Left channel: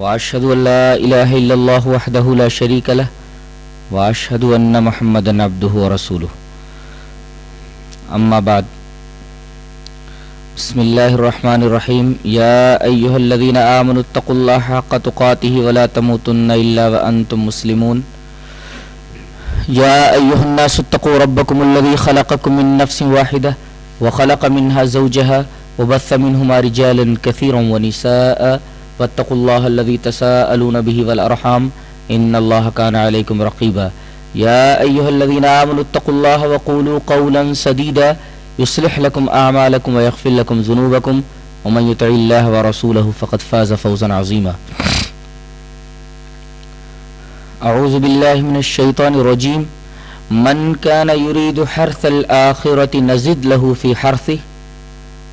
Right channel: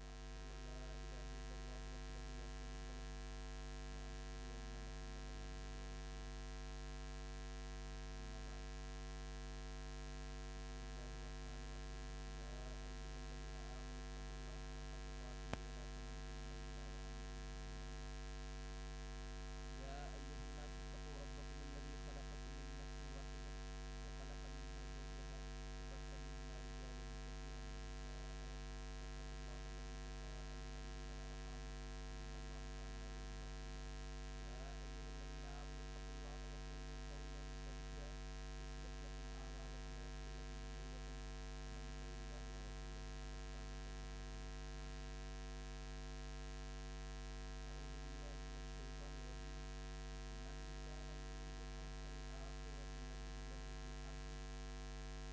واشهد ان لا اله الا الله وحده لا شريك له واشهد ان محمدا عبده ورسوله اما بعد بسم الله الرحمن الرحيم يا ايها الذين امنوا اتقوا الله حق تقاته ولا تموتن الا وانتم مسلمون يا ايها الناس اتقوا ربكم الذي خلقكم من نفس واحده وخلق منها زوجها وبث منهما رجالا كثيرا ونساء واتقوا الله الذي تساءلون به والأرحام إن الله كان عليكم رقيبا يا أيها الذين آمنوا اتقوا الله وقولوا قولا سديدا يصلح لكم أعمالكم ويغفر لكم ذنوبكم ومن يطع الله ورسوله فقد فاز فوزا عظيما. أعوذ بالله من الشيطان الرجيم. من كان يريد حرث الآخرة نزد له في حرثه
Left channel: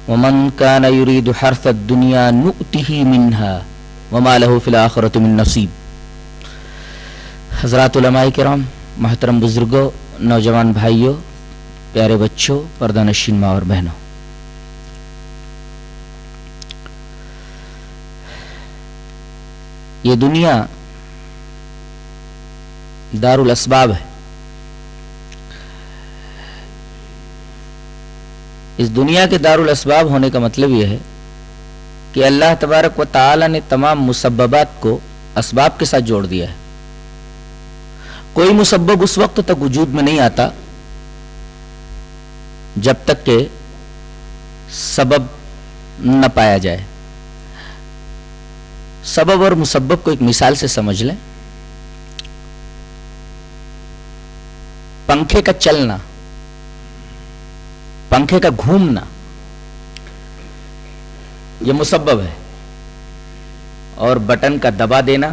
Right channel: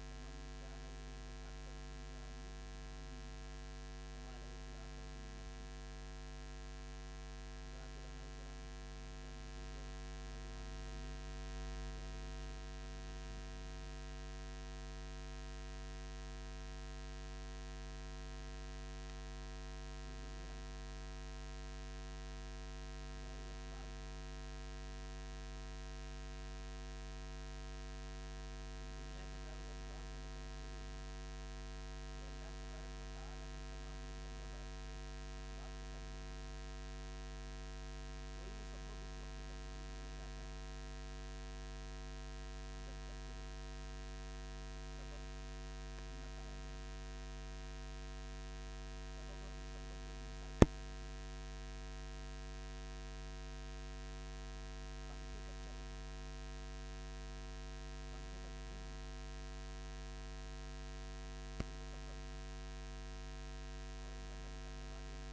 ومن كان يريد حرث الدنيا نؤته منها وما له في الآخرة من نصیب. حضرات علماء کرام، محترم بزرگوں، نوجوان بھائیوں، پیارے بچوں، پردہ نشین ماں اور بہنوں، یہ دنیا دار الاسباب ہے. اس دنیا کے دار الاسباب ہونے کا مطلب یہ ہے کہ اللہ تبارک و تعالی نے تمام مسببات کو اسباب کے ساتھ جوڑ دیا ہے. کوئی مسبب اس وقت تک وجود میں نہیں آتا جب تک کہ سبب نہ پایا جائے. سبب اور مسبب کو ایک مثال سے سمجھ لیں. پنکھے کا چلنا، پنکھے کا گھومنا، یہ مسبب ہے، اور بٹن کا دبا دینا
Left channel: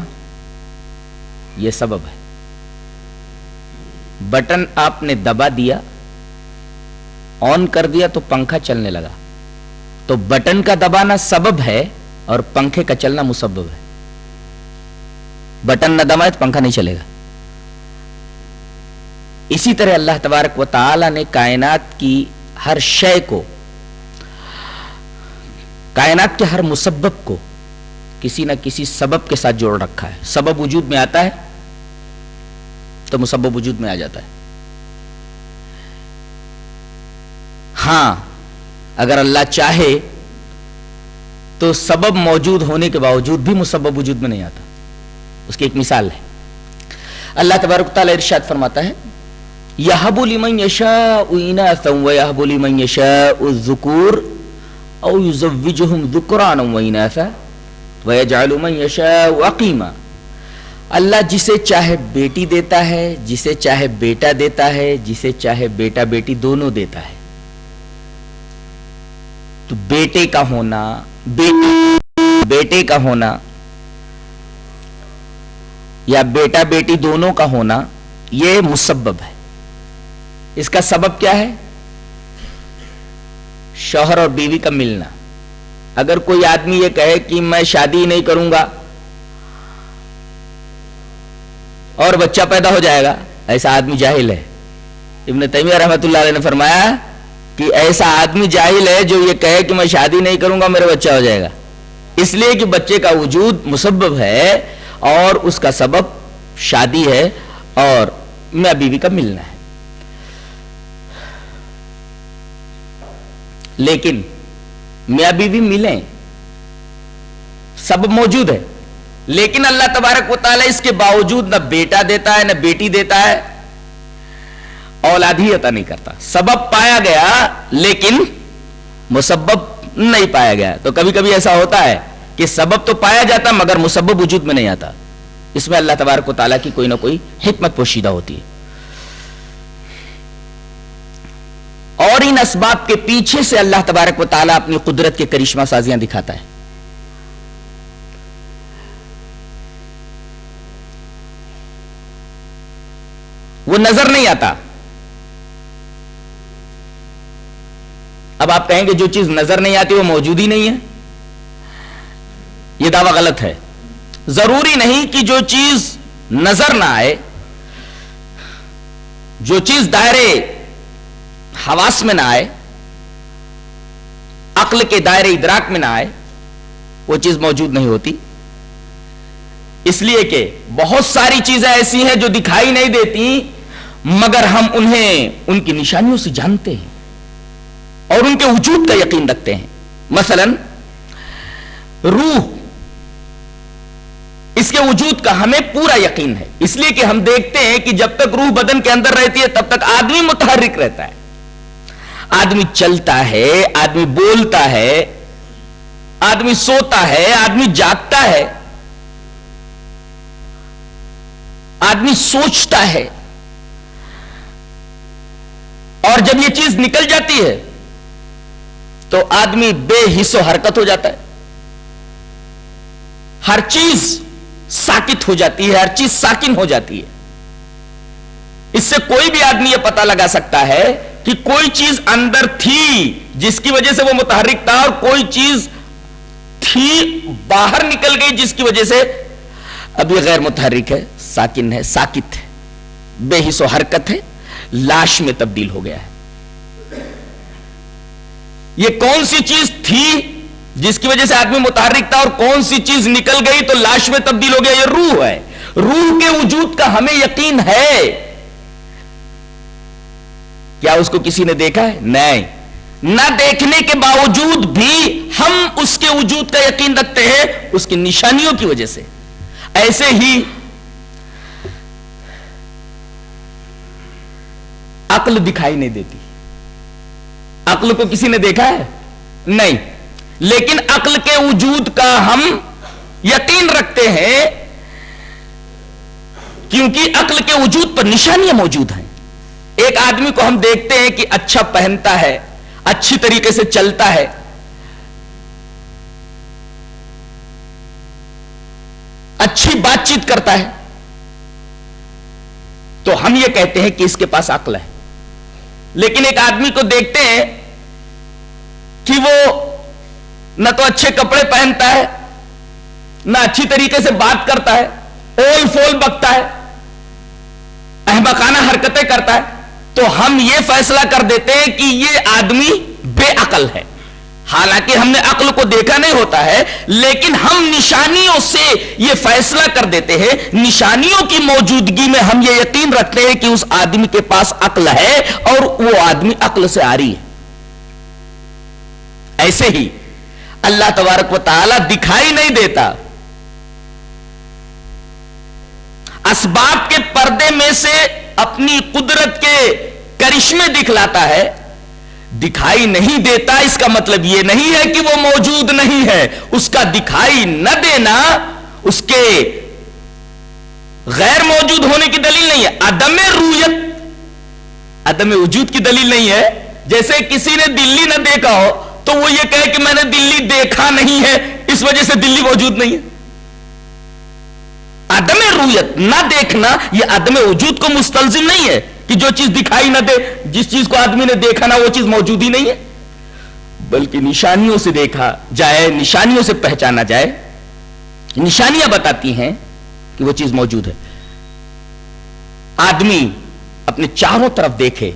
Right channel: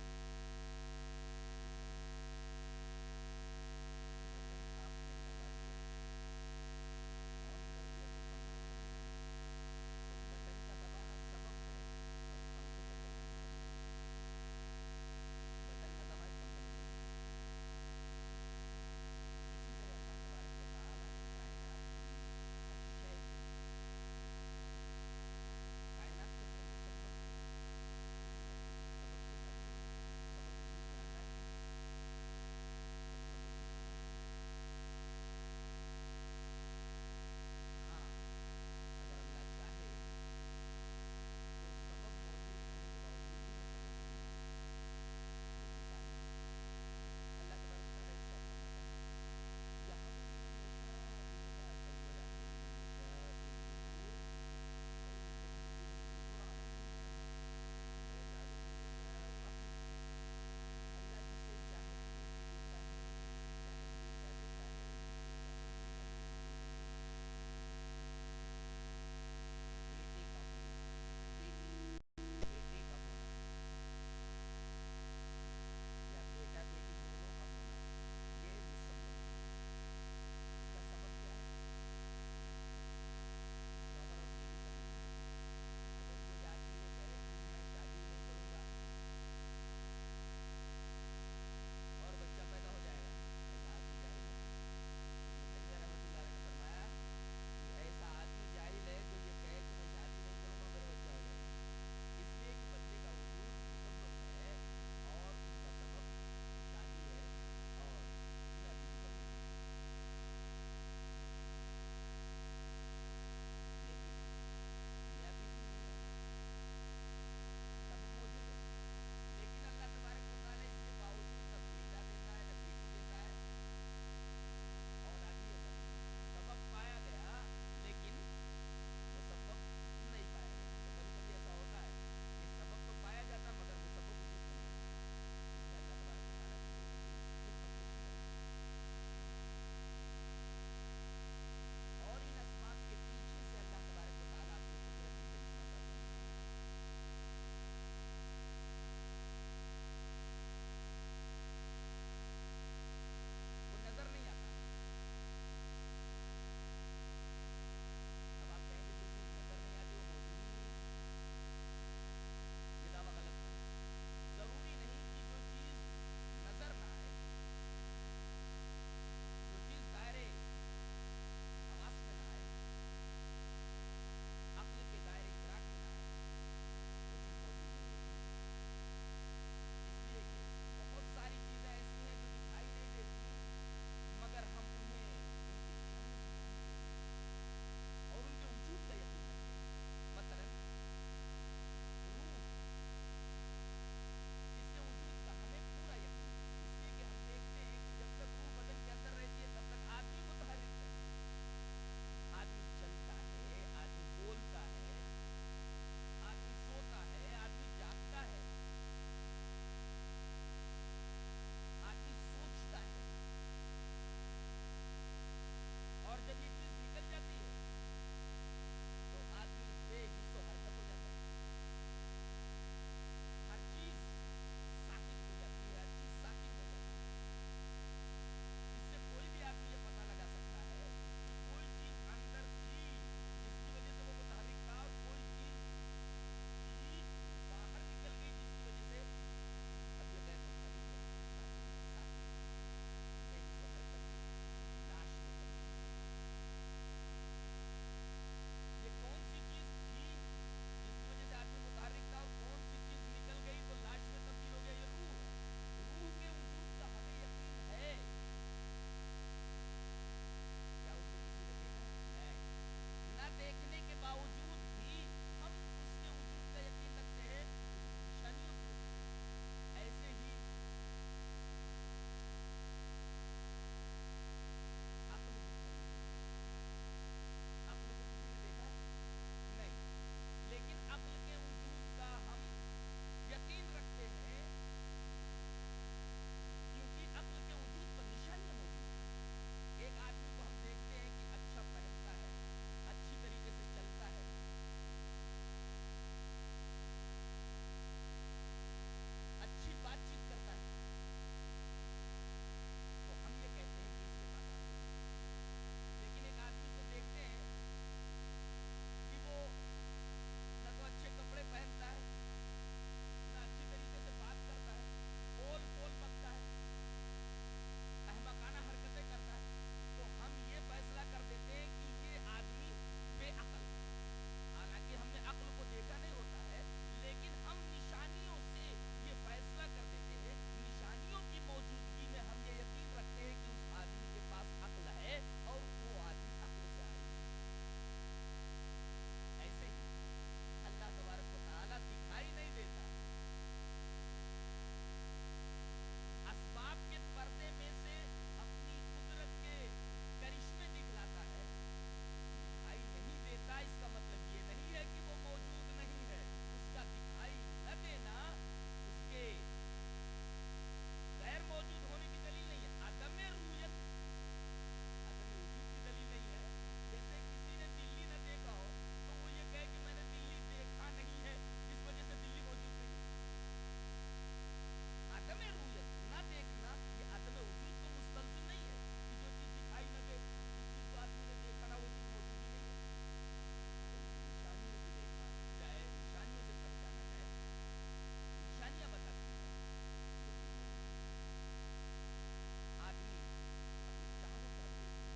یہ سبب ہے. بٹن آپ نے دبا دیا، آن کر دیا تو پنکھا چلنے لگا. تو بٹن کا دبانا سبب ہے اور پنکھے کا چلنا مسبب ہے. بٹن نہ دبائے تو پنکھا نہیں چلے گا. اسی طرح اللہ تبارک و تعالی نے کائنات کی ہر شے کو، کائنات کے ہر مسبب کو کسی نہ کسی سبب کے ساتھ جوڑ رکھا ہے. سبب وجود میں آتا ہے تو مسبب وجود میں آ جاتا ہے. ہاں، اگر اللہ چاہے تو سبب موجود ہونے کے باوجود بھی مسبب وجود میں نہیں آتا. اس کی ایک مثال ہے. اللہ تبارک و تعالی ارشاد فرماتا ہے، یَهَبُ لِمَن يَشَاءُ إِنَاثًا وَيَهَبُ لِمَن يَشَاءُ الذُّكُورَ أَوْ يُزَوِّجُهُمْ ذُكْرَانًا وَإِنَاثًا وَيَجْعَلُ مَن يَشَاءُ عَقِيمًا. اللہ جسے چاہے بیٹی دیتا ہے، جسے چاہے بیٹا دیتا ہے، جسے چاہے بیٹا بیٹی دونوں دیتا ہے. تو بیٹے کا ہونا، بیٹے کا ہونا یا بیٹا بیٹی دونوں کا ہونا یہ مسبب ہے. اس کا سبب کیا ہے؟ شوہر اور بیوی کا ملنا. اگر کوئی آدمی یہ کہے کہ میں شادی نہیں کروں گا اور بچہ پیدا ہو جائے گا، ایسا آدمی جاہل ہے. ابن تیمیہ رحمۃ اللہ علیہ نے فرمایا کہ ایسا آدمی جاہل ہے جو یہ کہے کہ میں شادی نہیں کروں گا میرا بچہ ہو جائے گا. اس لیے کہ بچے کا وجود مسبب ہے اور اس کا سبب شادی ہے اور میاں بیوی کا ملنا ہے. لیکن میاں بیوی ملیں، سبب موجود ہے، لیکن اللہ تبارک و تعالی اس کے باوجود نہ بیٹا دیتا ہے نہ بیٹی دیتا ہے، اولاد ہی عطا نہیں کرتا. سبب پایا گیا لیکن مسبب نہیں پایا گیا. تو کبھی کبھی ایسا ہوتا ہے کہ سبب تو پایا جاتا مگر مسبب وجود میں نہیں آتا. اس میں اللہ تبارک و تعالیٰ کی کوئی نہ کوئی حکمت پوشیدہ ہوتی ہے. اور ان اسباب کے پیچھے سے اللہ تبارک و تعالیٰ اپنی قدرت کے کرشمہ سازیاں دکھاتا ہے. وہ نظر نہیں آتا. اب آپ کہیں گے جو چیز نظر نہیں آتی وہ موجود ہی نہیں ہے. یہ دعویٰ غلط ہے. ضروری نہیں کہ جو چیز نظر نہ آئے، جو چیز دائرے حواس میں نہ آئے، عقل کے دائرے ادراک میں نہ آئے، وہ چیز موجود نہیں ہوتی. اس لیے کہ بہت ساری چیزیں ایسی ہیں جو دکھائی نہیں دیتی مگر ہم انہیں ان کی نشانیوں سے جانتے ہیں اور ان کے وجود کا یقین رکھتے ہیں. مثلا روح، اس کے وجود کا ہمیں پورا یقین ہے، اس لیے کہ ہم دیکھتے ہیں کہ جب تک روح بدن کے اندر رہتی ہے تب تک آدمی متحرک رہتا ہے، آدمی چلتا ہے، آدمی بولتا ہے، آدمی سوتا ہے، آدمی جاگتا ہے، آدمی سوچتا ہے، اور جب یہ چیز نکل جاتی ہے تو آدمی بے حس و حرکت ہو جاتا ہے، ہر چیز ساکت ہو جاتی ہے، ہر چیز ساکن ہو جاتی ہے. اس سے کوئی بھی آدمی یہ پتہ لگا سکتا ہے کہ کوئی چیز اندر تھی جس کی وجہ سے وہ متحرک تھا، اور کوئی چیز تھی باہر نکل گئی جس کی وجہ سے اب یہ غیر متحرک ہے، ساکن ہے، ساکت ہے، بے حس و حرکت ہے، لاش میں تبدیل ہو گیا ہے. یہ کون سی چیز تھی جس کی وجہ سے آدمی متحرک تھا اور کون سی چیز نکل گئی تو لاش میں تبدیل ہو گیا؟ یہ روح ہے. روح کے وجود کا ہمیں یقین ہے. کیا اس کو کسی نے دیکھا ہے؟ نہیں. نہ دیکھنے کے باوجود بھی ہم اس کے وجود کا یقین رکھتے ہیں اس کی نشانیوں کی وجہ سے. ایسے ہی عقل دکھائی نہیں دیتی. عقل کو کسی نے دیکھا ہے؟ نہیں. لیکن عقل کے وجود کا ہم یقین رکھتے ہیں کیونکہ عقل کے وجود پر نشانیاں موجود ہیں. ایک آدمی کو ہم دیکھتے ہیں کہ اچھا پہنتا ہے، اچھی طریقے سے چلتا ہے، اچھی بات چیت کرتا ہے، تو ہم یہ کہتے ہیں کہ اس کے پاس عقل ہے. لیکن ایک آدمی کو دیکھتے ہیں کہ وہ نہ تو اچھے کپڑے پہنتا ہے، نہ اچھی طریقے سے بات کرتا ہے، اول فول بکتا ہے، احمقانہ حرکتیں کرتا ہے، تو ہم یہ فیصلہ کر دیتے ہیں کہ یہ آدمی بے عقل ہے. حالانکہ ہم نے عقل کو دیکھا نہیں ہوتا ہے، لیکن ہم نشانیوں سے یہ فیصلہ کر دیتے ہیں، نشانیوں کی موجودگی میں ہم یہ یقین رکھتے ہیں کہ اس آدمی کے پاس عقل ہے اور وہ آدمی عقل سے آری ہے. ایسے ہی اللہ تبارک و تعالی دکھائی نہیں دیتا، اسباب کے پردے میں سے اپنی قدرت کے کرشمے دکھلاتا ہے. دکھائی نہیں دیتا اس کا مطلب یہ نہیں ہے کہ وہ موجود نہیں ہے. اس کا دکھائی نہ دینا اس کے غیر موجود ہونے کی دلیل نہیں ہے. عدم رویت، عدم وجود کی دلیل نہیں ہے. جیسے کسی نے دلی نہ دیکھا ہو تو وہ یہ کہے کہ میں نے دلی دیکھا نہیں ہے، اس وجہ سے دلی موجود نہیں ہے. عدم رویت، نہ دیکھنا، یہ عدم وجود کو مستلزم نہیں ہے کہ جو چیز دکھائی نہ دے، جس چیز کو آدمی نے دیکھا نہ وہ چیز موجود ہی نہیں ہے. بلکہ نشانیوں سے دیکھا جائے، نشانیوں سے پہچانا جائے. نشانیاں بتاتی ہیں کہ وہ چیز موجود ہے. آدمی اپنے چاروں طرف دیکھے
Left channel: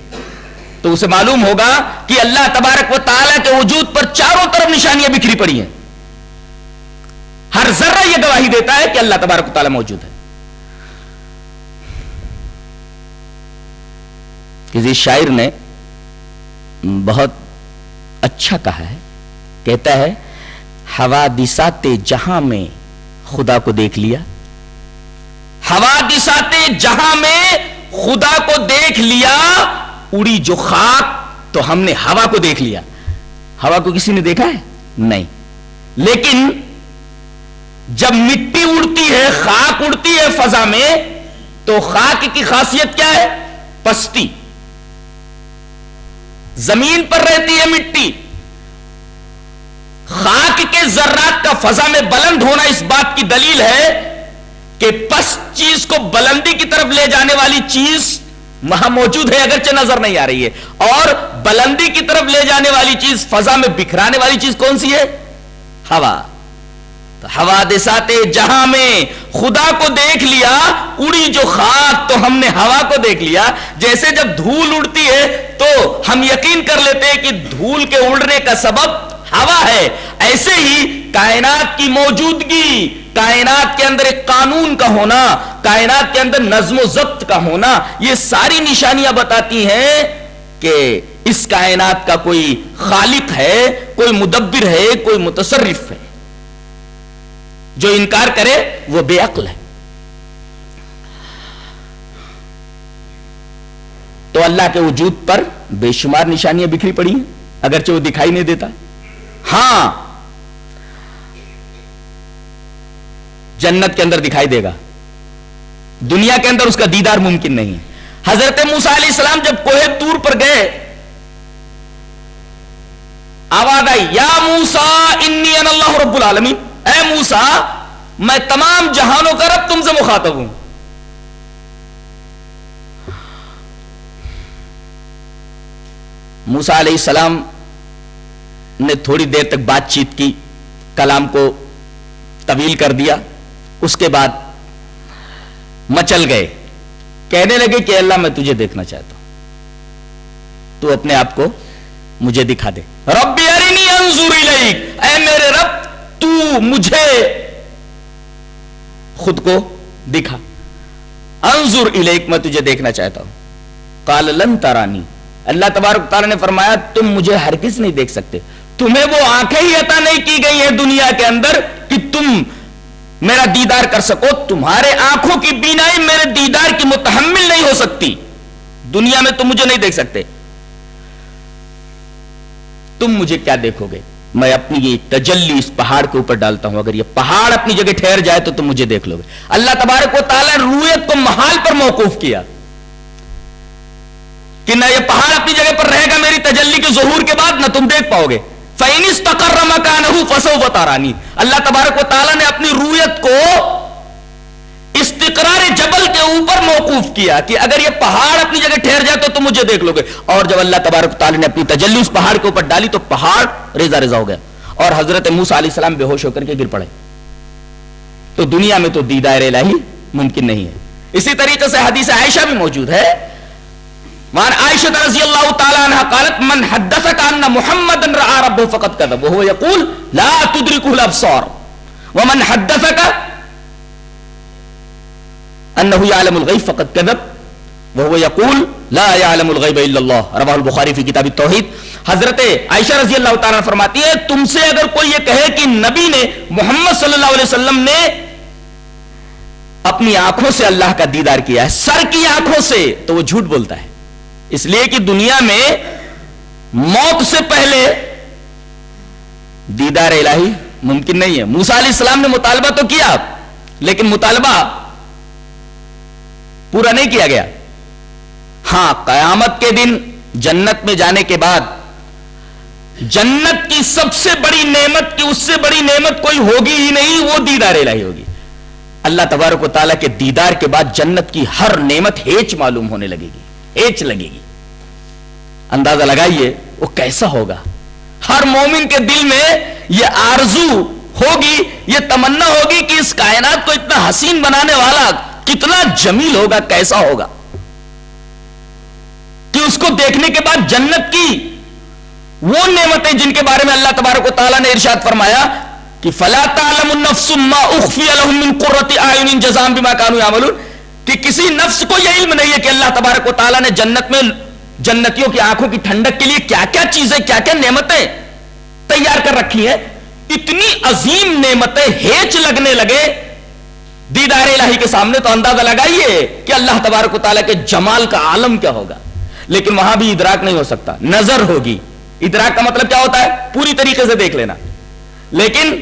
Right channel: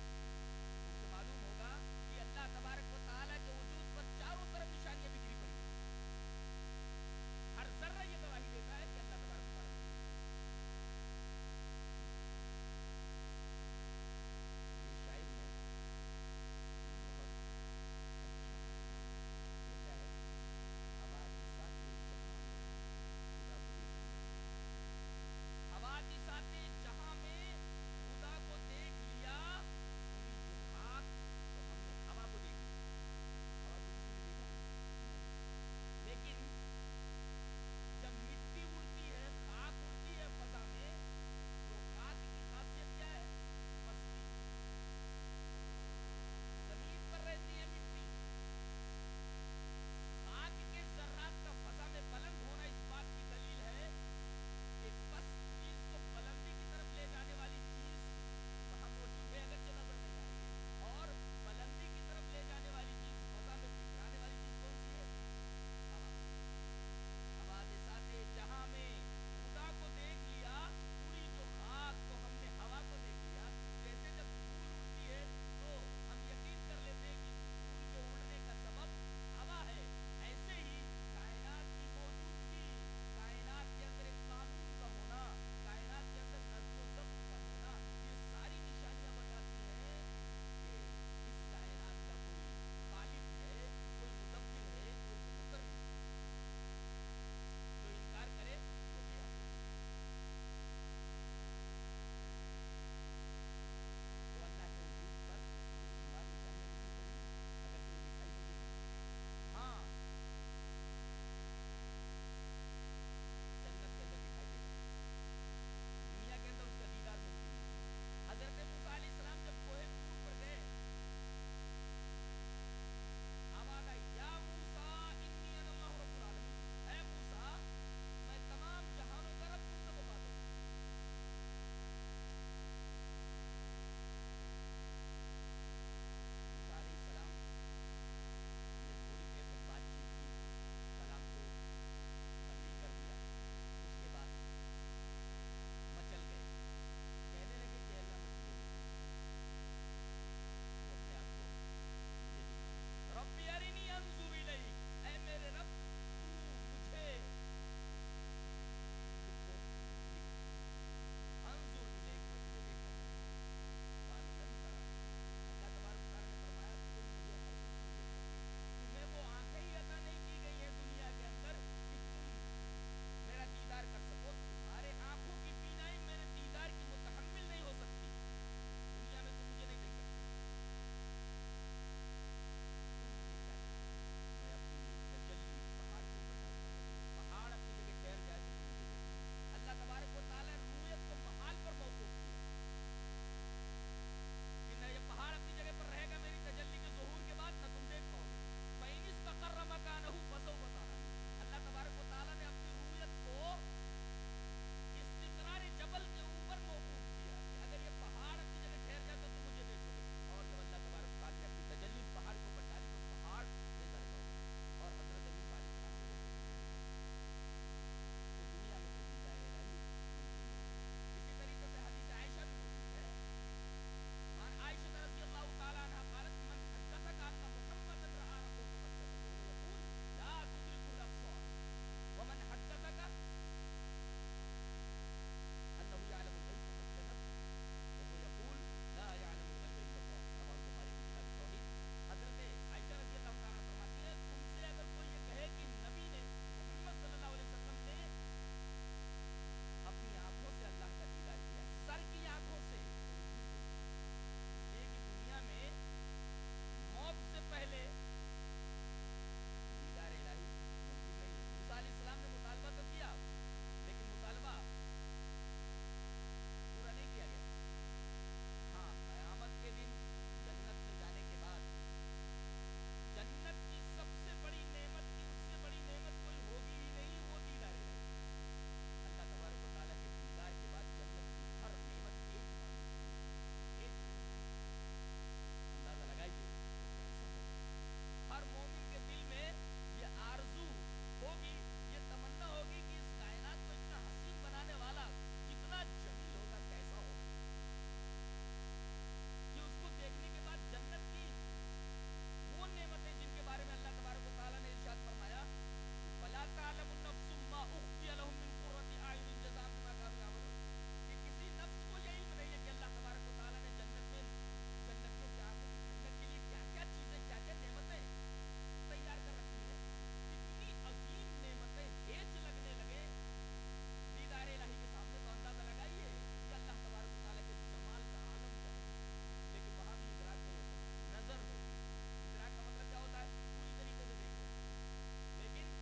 تو اسے معلوم ہوگا کہ اللہ تبارک و تعالیٰ کے وجود پر چاروں طرف نشانیاں بکھری پڑی ہیں. ہر ذرہ یہ گواہی دیتا ہے کہ اللہ تبارک و تعالیٰ موجود ہے. کسی شاعر نے بہت اچھا کہا ہے، کہتا ہے حوادثات جہاں میں خدا کو دیکھ لیا، حوادثات جہاں میں خدا کو دیکھ لیا، اڑی جو خاک تو ہم نے ہوا کو دیکھ لیا. ہوا کو کسی نے دیکھا ہے؟ نہیں. لیکن جب مٹی اڑتی ہے، خاک اڑتی ہے فضا میں، تو خاک کی خاصیت کیا ہے؟ پستی. زمین پر رہتی ہے مٹی. خاک کے ذرات کا فضا میں بلند ہونا اس بات کی دلیل ہے کہ پست چیز کو بلندی کی طرف لے جانے والی چیز وہاں موجود ہے، اگرچہ نظر نہیں آ رہی ہے. اور بلندی کی طرف لے جانے والی چیز، فضا میں بکھرانے والی چیز کون سی ہے؟ ہوا. حوادثات جہاں میں خدا کو دیکھ لیا، اڑی جو خاک تو ہم نے ہوا کو دیکھ لیا. جیسے جب دھول اڑتی ہے تو ہم یقین کر لیتے ہیں کہ دھول کے اڑنے کا سبب ہوا ہے، ایسے ہی کائنات کی موجودگی کائنات کے اندر ایک قانون کا ہونا، کائنات کے اندر نظم و ضبط کا ہونا، یہ ساری نشانیاں بتاتی ہیں کہ اس کائنات کا کوئی خالق ہے، کوئی مدبر ہے، کوئی متصرف ہے۔ جو انکار کرے وہ بے عقل ہے۔ تو اللہ کے وجود پر بے شمار نشانیاں بکھری پڑی ہیں، اگرچہ وہ دکھائی نہیں دیتا۔ ہاں جنت کے اندر دکھائی دے گا، دنیا کے اندر اس کا دیدار ممکن نہیں ہے۔ حضرت موسیٰ علیہ السلام جب کوہ طور پر گئے، آواز آئی یا موسیٰ انی انا اللہ رب العالمین، اے موسیٰ میں تمام جہانوں کا رب تم سے مخاطب ہوں۔ موسیٰ علیہ السلام نے تھوڑی دیر تک بات چیت کی، کلام کو طویل کر دیا، اس کے بعد مچل گئے، کہنے لگے کہ اللہ میں تجھے دیکھنا چاہتا ہوں، تو اپنے آپ کو مجھے دکھا دے۔ رب ارنی انظر الیک، اے میرے رب تو مجھے خود کو دکھا، انظر الیک میں تجھے دیکھنا چاہتا ہوں۔ قال لن ترانی، اللہ تبارک تعالیٰ نے فرمایا تم مجھے ہرگز نہیں دیکھ سکتے، تمہیں وہ آنکھیں ہی عطا نہیں کی گئی ہیں دنیا کے اندر کہ تم میرا دیدار کر سکو، تمہارے آنکھوں کی بینائی میرے دیدار کی متحمل نہیں ہو سکتی، دنیا میں تم مجھے نہیں دیکھ سکتے۔ تم مجھے کیا دیکھو گے؟ میں اپنی یہ تجلی اس پہاڑ کے اوپر ڈالتا ہوں، اگر یہ پہاڑ اپنی جگہ ٹھہر جائے تو تم مجھے دیکھ لو گے۔ اللہ تبارک و تعالیٰ نے رویت کو محال پر موقوف کیا کہ نہ یہ پہاڑ اپنی جگہ پر رہے گا میری تجلی کے ظہور کے بعد، نہ تم دیکھ پاؤ گے۔ فَإِنِ اسْتَقَرَّ مَكَانَهُ فَسَوْفَ تَرَانِي، اللہ تبارک و تعالیٰ نے اپنی رویت کو استقرار جبل کے اوپر موقوف کیا کہ اگر یہ پہاڑ اپنی جگہ ٹھہر جائے تو تم مجھے دیکھ لو گے۔ اور جب اللہ تبارک و تعالیٰ نے اپنی تجلی اس پہاڑ کے اوپر ڈالی تو پہاڑ ریزہ ریزہ ہو گیا اور حضرت موسیٰ علیہ السلام بے ہوش ہو کر کے گر پڑے۔ تو دنیا میں تو دیدار الہی ممکن نہیں ہے۔ اسی طریقے سے حدیث عائشہ بھی موجود ہے، وعن عائشہ رضی اللہ تعالی عنہ قالت من حدثك ان محمد رأى ربه فقد كذب وهو يقول لا تدركه الابصار ومن حدثك انه يعلم الغیب فقد كذب وهو يقول لا يعلم الغیب الا اللہ، رواه البخاری فی کتاب التوحید۔ حضرت عائشہ رضی اللہ تعالی عنہ فرماتی ہے تم سے اگر کوئی یہ کہے کہ نبی نے محمد صلی اللہ علیہ وسلم نے اپنی آنکھوں سے اللہ کا دیدار کیا ہے، سر کی آنکھوں سے، تو وہ جھوٹ بولتا ہے، اس لیے کہ دنیا میں موت سے پہلے دیدار الہی ممکن نہیں ہے۔ موسیٰ علیہ السلام نے مطالبہ تو کیا لیکن مطالبہ پورا نہیں کیا گیا۔ ہاں قیامت کے دن جنت میں جانے کے بعد جنت کی سب سے بڑی نعمت کی اس سے بڑی نعمت کوئی ہوگی ہی نہیں، وہ دیدار الہی ہوگی۔ اللہ تبارک و تعالیٰ کے دیدار کے بعد جنت کی ہر نعمت ہیچ معلوم ہونے لگے گی، ہیچ لگے گی۔ اندازہ لگائیے وہ کیسا ہوگا۔ ہر مومن کے دل میں یہ آرزو ہوگی، یہ تمنا ہوگی کہ اس کائنات کو اتنا حسین بنانے والا کتنا جمیل ہوگا، کیسا ہوگا، کہ اس کو دیکھنے کے بعد جنت کی وہ نعمتیں جن کے بارے میں اللہ تبارک و تعالیٰ نے ارشاد فرمایا کہ فَلَا تَعْلَمُ النَّفْسُ مَا أُخْفِيَ لَهُم مِّن قُرَّةِ أَعْيُنٍ جَزَاءً بِمَا كَانُوا يَعْمَلُونَ، کہ کسی نفس کو یہ علم نہیں ہے کہ اللہ تبارک و تعالیٰ نے جنت میں جنتیوں کی آنکھوں کی ٹھنڈک کے لیے کیا کیا چیزیں، کیا کیا نعمتیں تیار کر رکھی ہیں۔ اتنی عظیم نعمتیں ہیچ لگنے لگے دیدار الہی کے سامنے، تو اندازہ لگائیے کہ اللہ تبارک و تعالیٰ کے جمال کا عالم کیا ہوگا۔ لیکن وہاں بھی ادراک نہیں ہو سکتا، نظر ہوگی۔ ادراک کا مطلب کیا ہوتا ہے؟ پوری طریقے سے دیکھ لینا، لیکن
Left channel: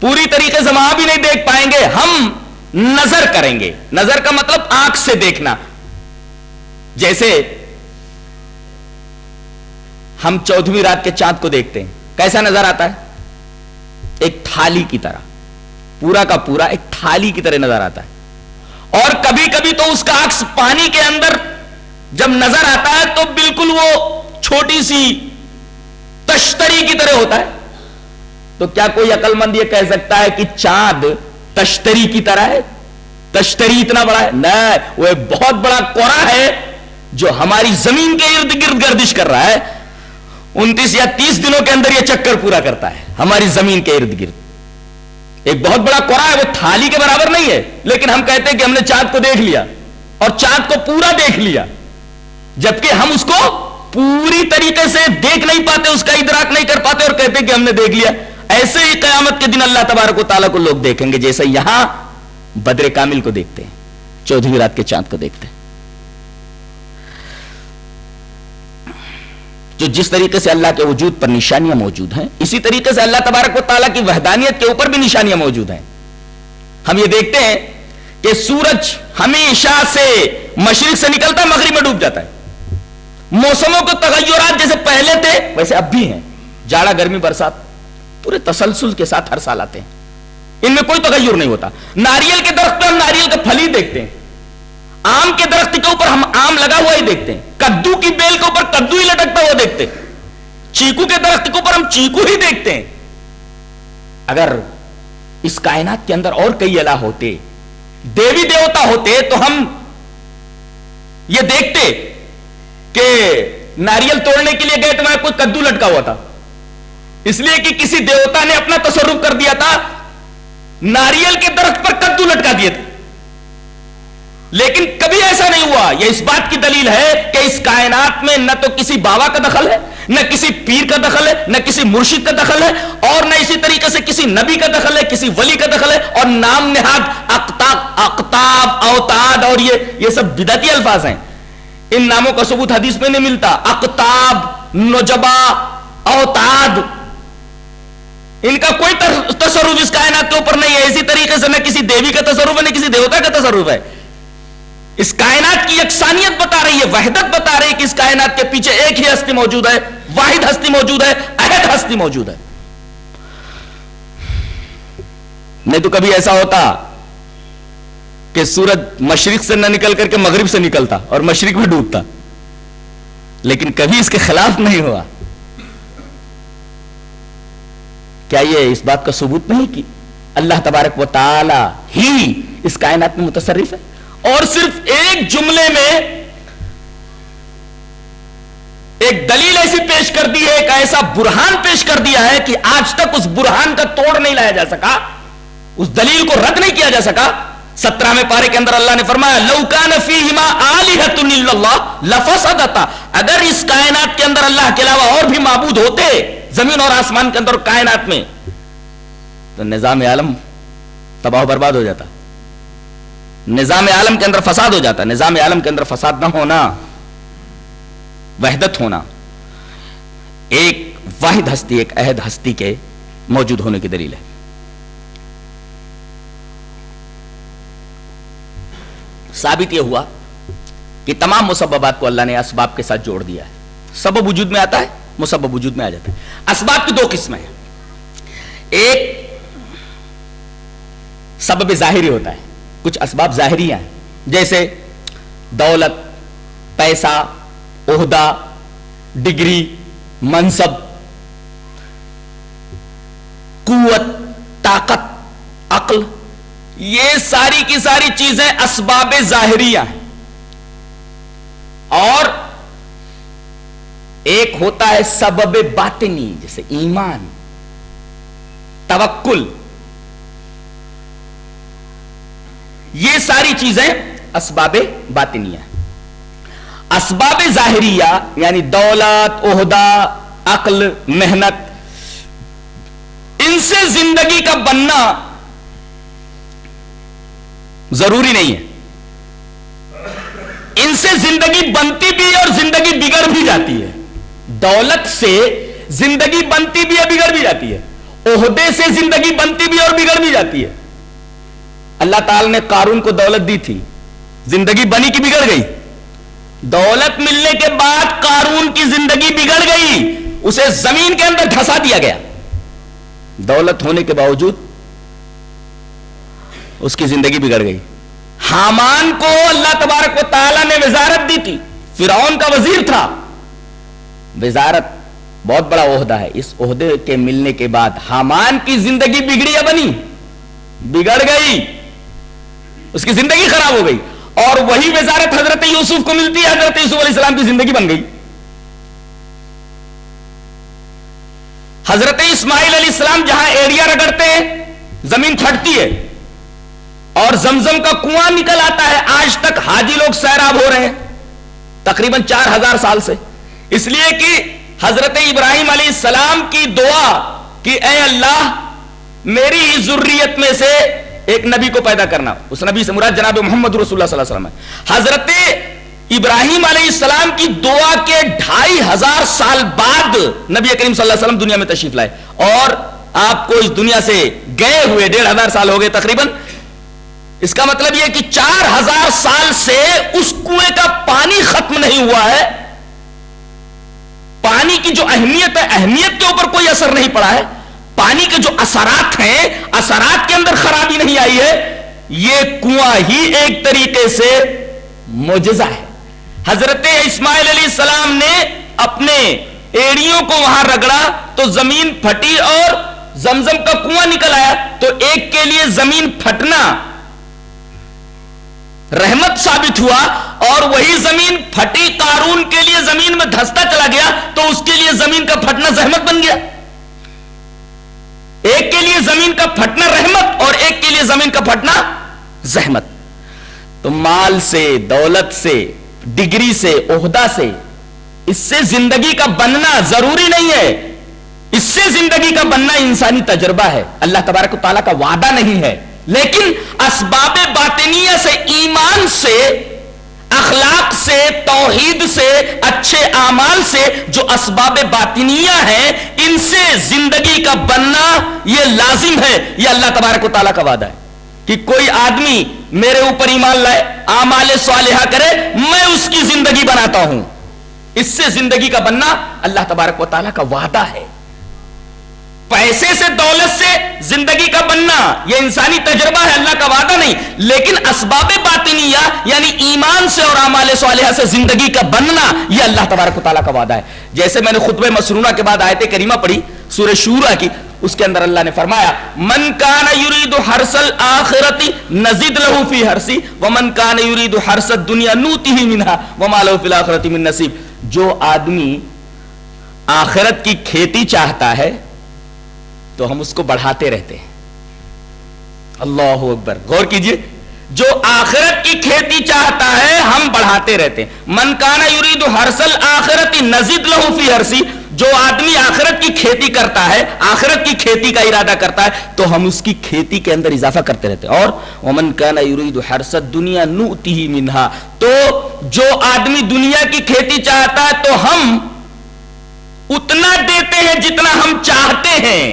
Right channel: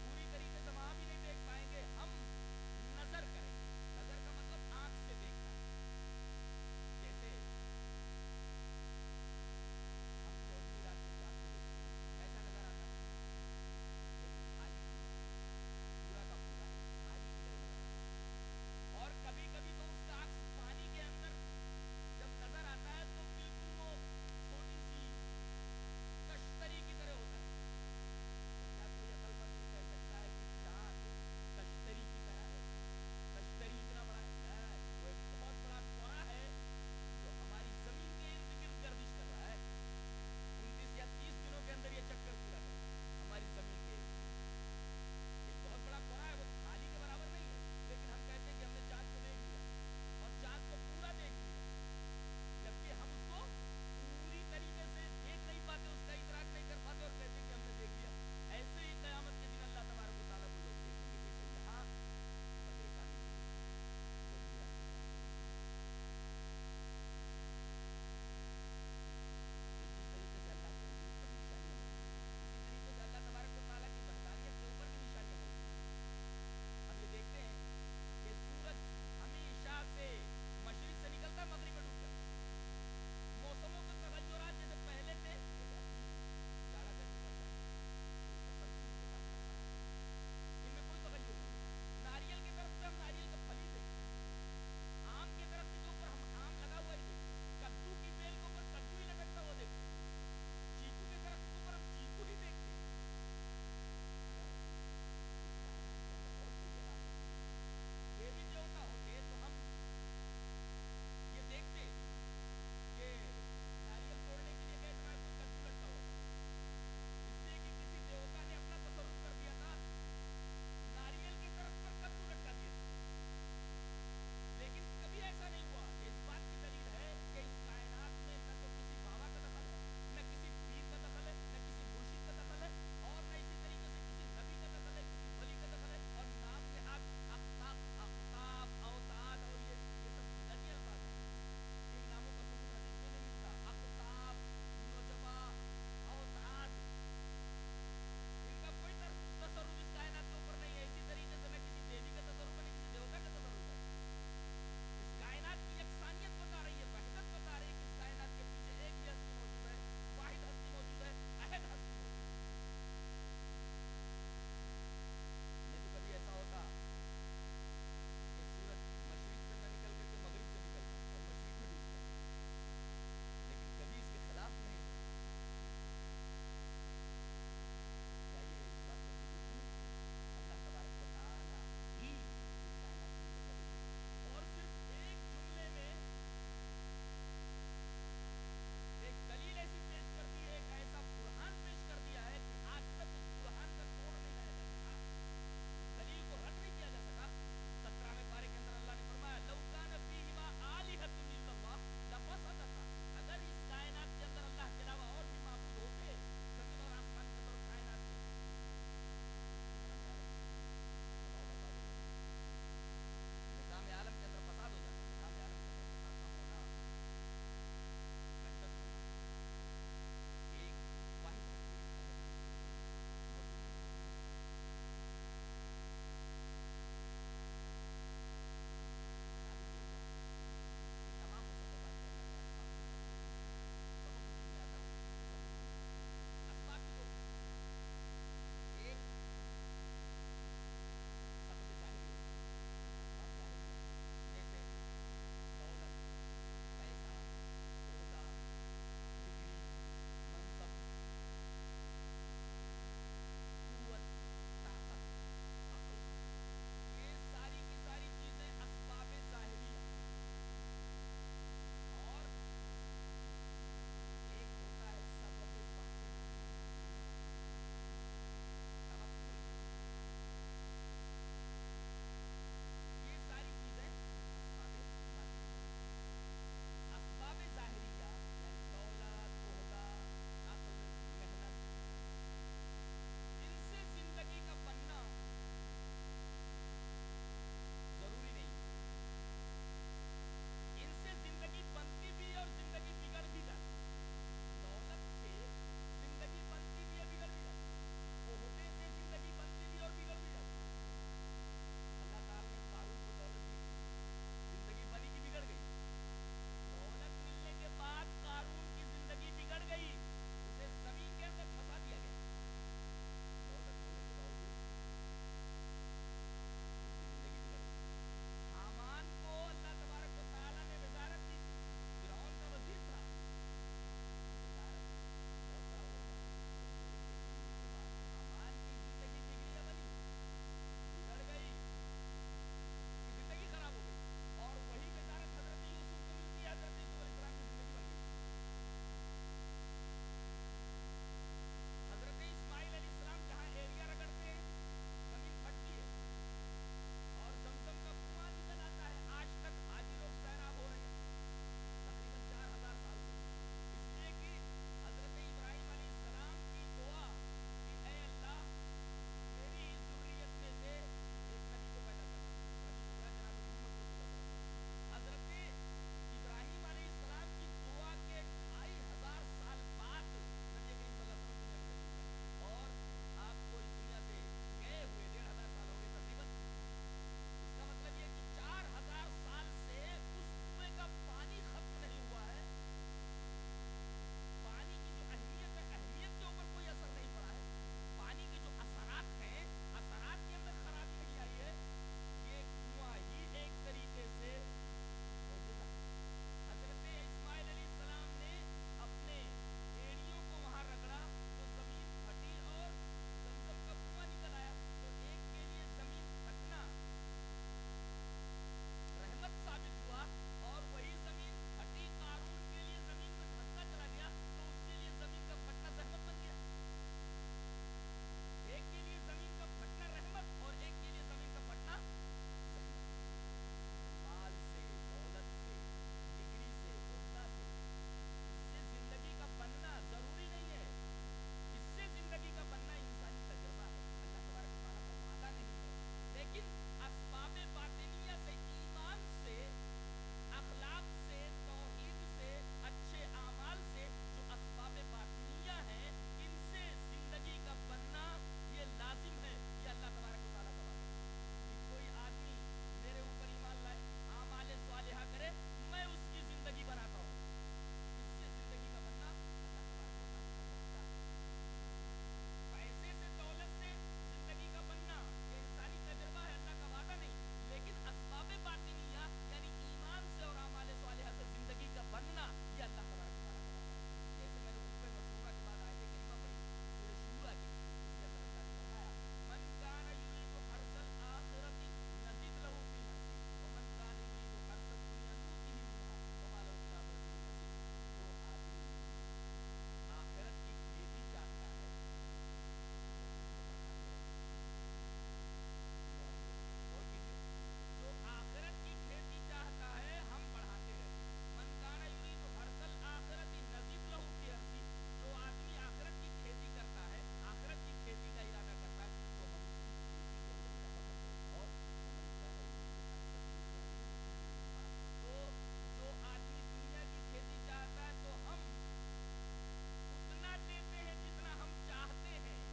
پوری طریقے سے وہاں بھی نہیں دیکھ پائیں گے، ہم نظر کریں گے۔ نظر کا مطلب آنکھ سے دیکھنا۔ جیسے ہم 14ویں رات کے چاند کو دیکھتے ہیں، کیسا نظر آتا ہے؟ ایک تھالی کی طرح، پورا کا پورا ایک تھالی کی طرح نظر آتا ہے۔ اور کبھی کبھی تو اس کا عکس پانی کے اندر جب نظر آتا ہے تو بالکل وہ چھوٹی سی تشتری کی طرح ہوتا ہے۔ تو کیا کوئی عقل مند یہ کہہ سکتا ہے کہ چاند تشتری کی طرح ہے؟ تشتری اتنا بڑا ہے؟ نہیں، وہ ایک بہت بڑا کوڑا ہے جو ہماری زمین کے ارد گرد گردش کر رہا ہے۔ 29 یا 30 دنوں کے اندر یہ چکر پورا کرتا ہے ہماری زمین کے ارد گرد۔ ایک بہت بڑا کوڑا ہے، وہ تھالی کے برابر نہیں ہے، لیکن ہم کہتے ہیں کہ ہم نے چاند کو دیکھ لیا اور چاند کو پورا دیکھ لیا، جبکہ ہم اس کو پوری طریقے سے دیکھ نہیں پاتے، اس کا ادراک نہیں کر پاتے اور کہتے ہیں کہ ہم نے دیکھ لیا۔ ایسے ہی قیامت کے دن اللہ تبارک و تعالیٰ کو لوگ دیکھیں گے جیسے یہاں بدر کامل کو دیکھتے ہیں، 14ویں رات کے چاند کو دیکھتے ہیں۔ جو جس طریقے سے اللہ کے وجود پر نشانیاں موجود ہیں، اسی طریقے سے اللہ تبارک و تعالیٰ کی وحدانیت کے اوپر بھی نشانیاں موجود ہیں۔ ہم یہ دیکھتے ہیں کہ سورج ہمیشہ سے مشرق سے نکلتا مغرب میں ڈوب جاتا ہے۔ موسموں کے تغیرات جیسے پہلے تھے ویسے اب بھی ہیں، جاڑا گرمی برسات پورے تسلسل کے ساتھ ہر سال آتے ہیں، ان میں کوئی تغیر نہیں ہوتا۔ ناریل کے درخت پہ ہم ناریل کا پھل ہی دیکھتے ہیں، آم کے درخت کے اوپر ہم آم لگا ہوا ہی دیکھتے ہیں، کدو کی بیل کے اوپر کدو ہی لٹکتا ہوا دیکھتے ہیں، چیکو کے درخت کے اوپر ہم چیکو ہی دیکھتے ہیں۔ اگر اس کائنات کے اندر اور کئی الہ ہوتے، دیوی دیوتا ہوتے، تو ہم یہ دیکھتے کہ ناریل توڑنے کے لیے گئے تو وہاں کوئی کدو لٹکا ہوا تھا، اس لیے کہ کسی دیوتا نے اپنا تصرف کر دیا تھا، ناریل کے درخت پر کدو لٹکا دیے تھے۔ لیکن کبھی ایسا نہیں ہوا۔ یہ اس بات کی دلیل ہے کہ اس کائنات میں نہ تو کسی بابا کا دخل ہے، نہ کسی پیر کا دخل ہے، نہ کسی مرشد کا دخل ہے، اور نہ اسی طریقے سے کسی نبی کا دخل ہے، کسی ولی کا دخل ہے، اور نام نہاد اقطاب اوتاد اور یہ سب بدعتی الفاظ ہیں، ان ناموں کا ثبوت حدیث میں نہیں ملتا۔ اقطاب، نجبا، اوتاد، ان کا کوئی تصرف اس کائنات کے اوپر نہیں ہے۔ اسی طریقے سے نہ کسی دیوی کا تصرف ہے، نہ کسی دیوتا کا تصرف ہے۔ اس کائنات کی یکسانیت بتا رہی ہے، وحدت بتا رہی ہے کہ اس کائنات کے پیچھے ایک ہی ہستی موجود ہے، واحد ہستی موجود ہے، احد ہستی موجود ہے۔ نہیں تو کبھی ایسا ہوتا کہ سورج مشرق سے نہ نکل کر کے مغرب سے نکلتا اور مشرق میں ڈوبتا، لیکن کبھی اس کے خلاف نہیں ہوا۔ کیا یہ اس بات کا ثبوت نہیں کہ اللہ تبارک و تعالی ہی اس کائنات میں متصرف ہے؟ اور صرف ایک جملے میں ایک دلیل ایسی پیش کر دی ہے، ایک ایسا برہان پیش کر دیا ہے کہ آج تک اس برہان کا توڑ نہیں لایا جا سکا، اس دلیل کو رد نہیں کیا جا سکا۔ 17ویں پارے کے اندر اللہ نے فرمایا لَوْ كَانَ فِيهِمَا آلِهَةٌ إِلَّا اللَّهُ لَفَسَدَتَا، اگر اس کائنات کے اندر اللہ کے علاوہ اور بھی معبود ہوتے زمین اور آسمان کے اندر کائنات میں، تو نظام عالم تباہ و برباد ہو جاتا، نظام عالم کے اندر فساد ہو جاتا۔ نظام عالم کے اندر فساد نہ ہونا، وحدت ہونا، ایک واحد ہستی، ایک احد ہستی کے موجود ہونے کی دلیل ہے۔ ثابت یہ ہوا کہ تمام مسببات کو اللہ نے اسباب کے ساتھ جوڑ دیا ہے۔ سبب وجود میں آتا ہے، مسبب وجود میں آ جاتا ہے۔ اسباب کی دو قسمیں ہیں، ایک سبب ظاہری ہوتا ہے، کچھ اسباب ظاہری ہیں جیسے دولت، پیسہ، عہدہ، ڈگری، منصب، قوت، طاقت، عقل، یہ ساری کی ساری چیزیں اسباب ظاہریہ ہیں۔ اور ایک ہوتا ہے سبب باطنی، جیسے ایمان، توکل، یہ ساری چیزیں اسباب باطنیہ ہیں۔ اسباب ظاہریہ یعنی دولت، عہدہ، عقل، محنت، ان سے زندگی کا بننا ضروری نہیں ہے، ان سے زندگی بنتی بھی اور زندگی بگڑ بھی جاتی ہے۔ دولت سے زندگی بنتی بھی ہے، بگڑ بھی جاتی ہے، عہدے سے زندگی بنتی بھی اور بگڑ بھی جاتی ہے۔ اللہ تعالی نے قارون کو دولت دی تھی، زندگی بنی کی بگڑ گئی؟ دولت ملنے کے بعد قارون کی زندگی بگڑ گئی، اسے زمین کے اندر دھسا دیا گیا۔ دولت ہونے کے باوجود اس کی زندگی بگڑ گئی۔ حامان کو اللہ تبارک و تعالی نے وزارت دی تھی، فرعون کا وزیر تھا، وزارت بہت بڑا عہدہ ہے، اس عہدے کے ملنے کے بعد حامان کی زندگی بگڑی یا بنی؟ بگڑ گئی، اس کی زندگی خراب ہو گئی۔ اور وہی وزارت حضرت یوسف کو ملتی ہے، حضرت یوسف علیہ السلام کی زندگی بن گئی۔ حضرت اسماعیل علیہ السلام جہاں ایڑیاں رگڑتے ہیں زمین پھٹتی ہے اور زمزم کا کنواں نکل آتا ہے. آج تک حاجی لوگ سیراب ہو رہے ہیں تقریباً 4000 سال سے. اس لیے کہ حضرت ابراہیم علیہ السلام کی دعا کہ اے اللہ میری ہی ذریت میں سے ایک نبی کو پیدا کرنا. اس نبی سے مراد جناب محمد رسول اللہ صلی اللہ علیہ وسلم ہے. حضرت ابراہیم علیہ السلام کی دعا کے 2500 سال بعد نبی کریم صلی اللہ علیہ وسلم دنیا میں تشریف لائے اور آپ کو اس دنیا سے گئے ہوئے 1500 سال ہو گئے تقریباً. اس کا مطلب یہ کہ 4000 سال سے اس کنویں کا پانی ختم نہیں ہوا ہے. پانی کی جو اہمیت ہے, اہمیت کے اوپر کوئی اثر نہیں پڑا ہے. پانی کے جو اثرات ہیں, اثرات کے اندر خرابی نہیں آئی ہے. یہ کنواں ہی ایک طریقے سے معجزہ ہے. حضرت اسماعیل علیہ السلام نے اپنے ایڑیوں کو وہاں رگڑا تو زمین پھٹی اور زمزم کا کنواں نکل آیا. تو ایک کے لیے زمین پھٹنا رحمت ثابت ہوا اور وہی زمین پھٹی قارون کے لیے زمین میں دھستا چلا گیا تو اس کے لیے زمین کا پھٹنا زحمت بن گیا. ایک کے لیے زمین کا پھٹنا رحمت اور ایک کے لیے زمین کا پھٹنا زحمت. تو مال سے, دولت سے, ڈگری سے, عہدہ سے, اس سے زندگی کا بننا ضروری نہیں ہے. اس سے زندگی کا بننا انسانی تجربہ ہے, اللہ تبارک و تعالیٰ کا وعدہ نہیں ہے. لیکن اسباب باطنیہ سے, ایمان سے, اخلاق سے, توحید سے, اچھے اعمال سے, جو اسباب باطنیہ ہیں ان سے زندگی کا بننا یہ لازم ہے. یہ اللہ تبارک و تعالیٰ کا وعدہ ہے کہ کوئی آدمی میرے اوپر ایمان لائے, اعمال صالحہ کرے, میں اس کی زندگی بناتا ہوں. اس سے زندگی کا بننا اللہ تبارک و تعالیٰ کا وعدہ ہے. پیسے سے, دولت سے زندگی کا بننا یہ انسانی تجربہ ہے, اللہ کا وعدہ نہیں. لیکن اسباب باطنیہ یعنی ایمان سے اور اعمال صالحہ سے زندگی کا بننا یہ اللہ تبارک و تعالیٰ کا وعدہ ہے. جیسے میں نے خطبہ مسنونہ کے بعد آیت کریمہ پڑھی سورہ شورى کی, اس کے اندر اللہ نے فرمایا من کان یرید حرث الآخرۃ نزد له فی حرثہ ومن کان یرید حرث الدنیا نؤتہ منها وما له فی الآخرۃ من نصیب. جو آدمی آخرت کی کھیتی چاہتا ہے تو ہم اس کو بڑھاتے رہتے ہیں. اللہ اکبر, غور کیجئے. جو آخرت کی کھیتی چاہتا ہے ہم بڑھاتے رہتے ہیں. من کان یرید حرث الآخرۃ نزد له فی حرثہ, جو آدمی آخرت کی کھیتی کرتا ہے, آخرت کی کھیتی کا ارادہ کرتا ہے تو ہم اس کی کھیتی کے اندر اضافہ کرتے رہتے ہیں. اور ومن کان یرید حرث الدنیا نؤتہ منها, تو جو آدمی دنیا کی کھیتی چاہتا ہے تو ہم اتنا دیتے ہیں جتنا ہم چاہتے ہیں